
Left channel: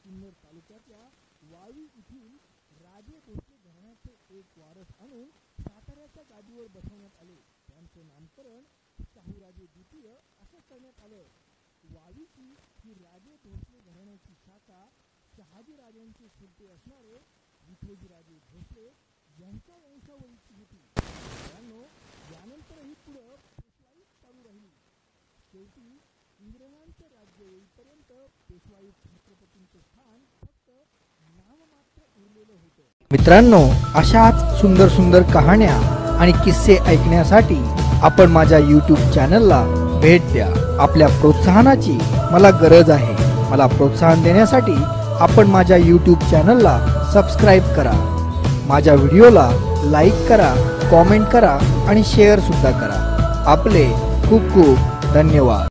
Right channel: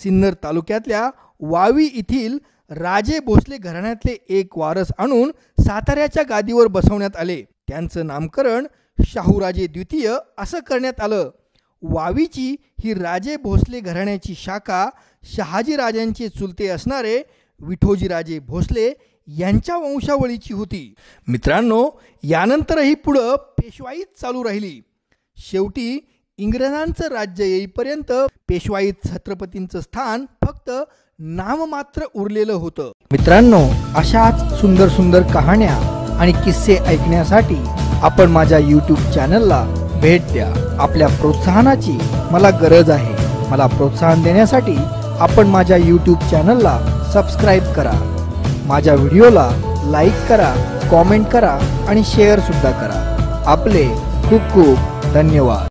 सिन्नर तालुक्यातल्या वावी येथील राजे भोसले घराण्यातले एक वारस आणून साताऱ्याच्या गादीवर बसवण्यात आले. त्यांचं नामकरण शाहूराजे द्वितीय असं करण्यात आलं. वावीची ही राजे भोसले घराण्याची शाखा शहाजीराजांचे चुलते असणारे विठोजीराजे भोसले यांच्या वंशावळीची होती. मित्रांनो, यानंतरही पुढं पेशवाईच चालू राहिली. शेवटी इंग्रजांचं राज्य येईपर्यंत पेशवाईत छत्रपतींचं स्थान फक्त नाममात्र उरलेलं होतं. मित्रांनो, अशाच सुंदर सुंदर कहाण्या आणि किस्से ऐकण्यासाठी आपण माझ्या YouTube चॅनलला भेट द्या. आपल्या प्रोत्साहनाची मला गरज आहे. मला प्रोत्साहन देण्यासाठी आपण माझ्या YouTube चॅनलला सबस्क्राईब करा. माझ्या व्हिडिओला लाईक करा, कॉमेंट करा आणि शेअर सुद्धा करा. आपले खूप खूप धन्यवाद.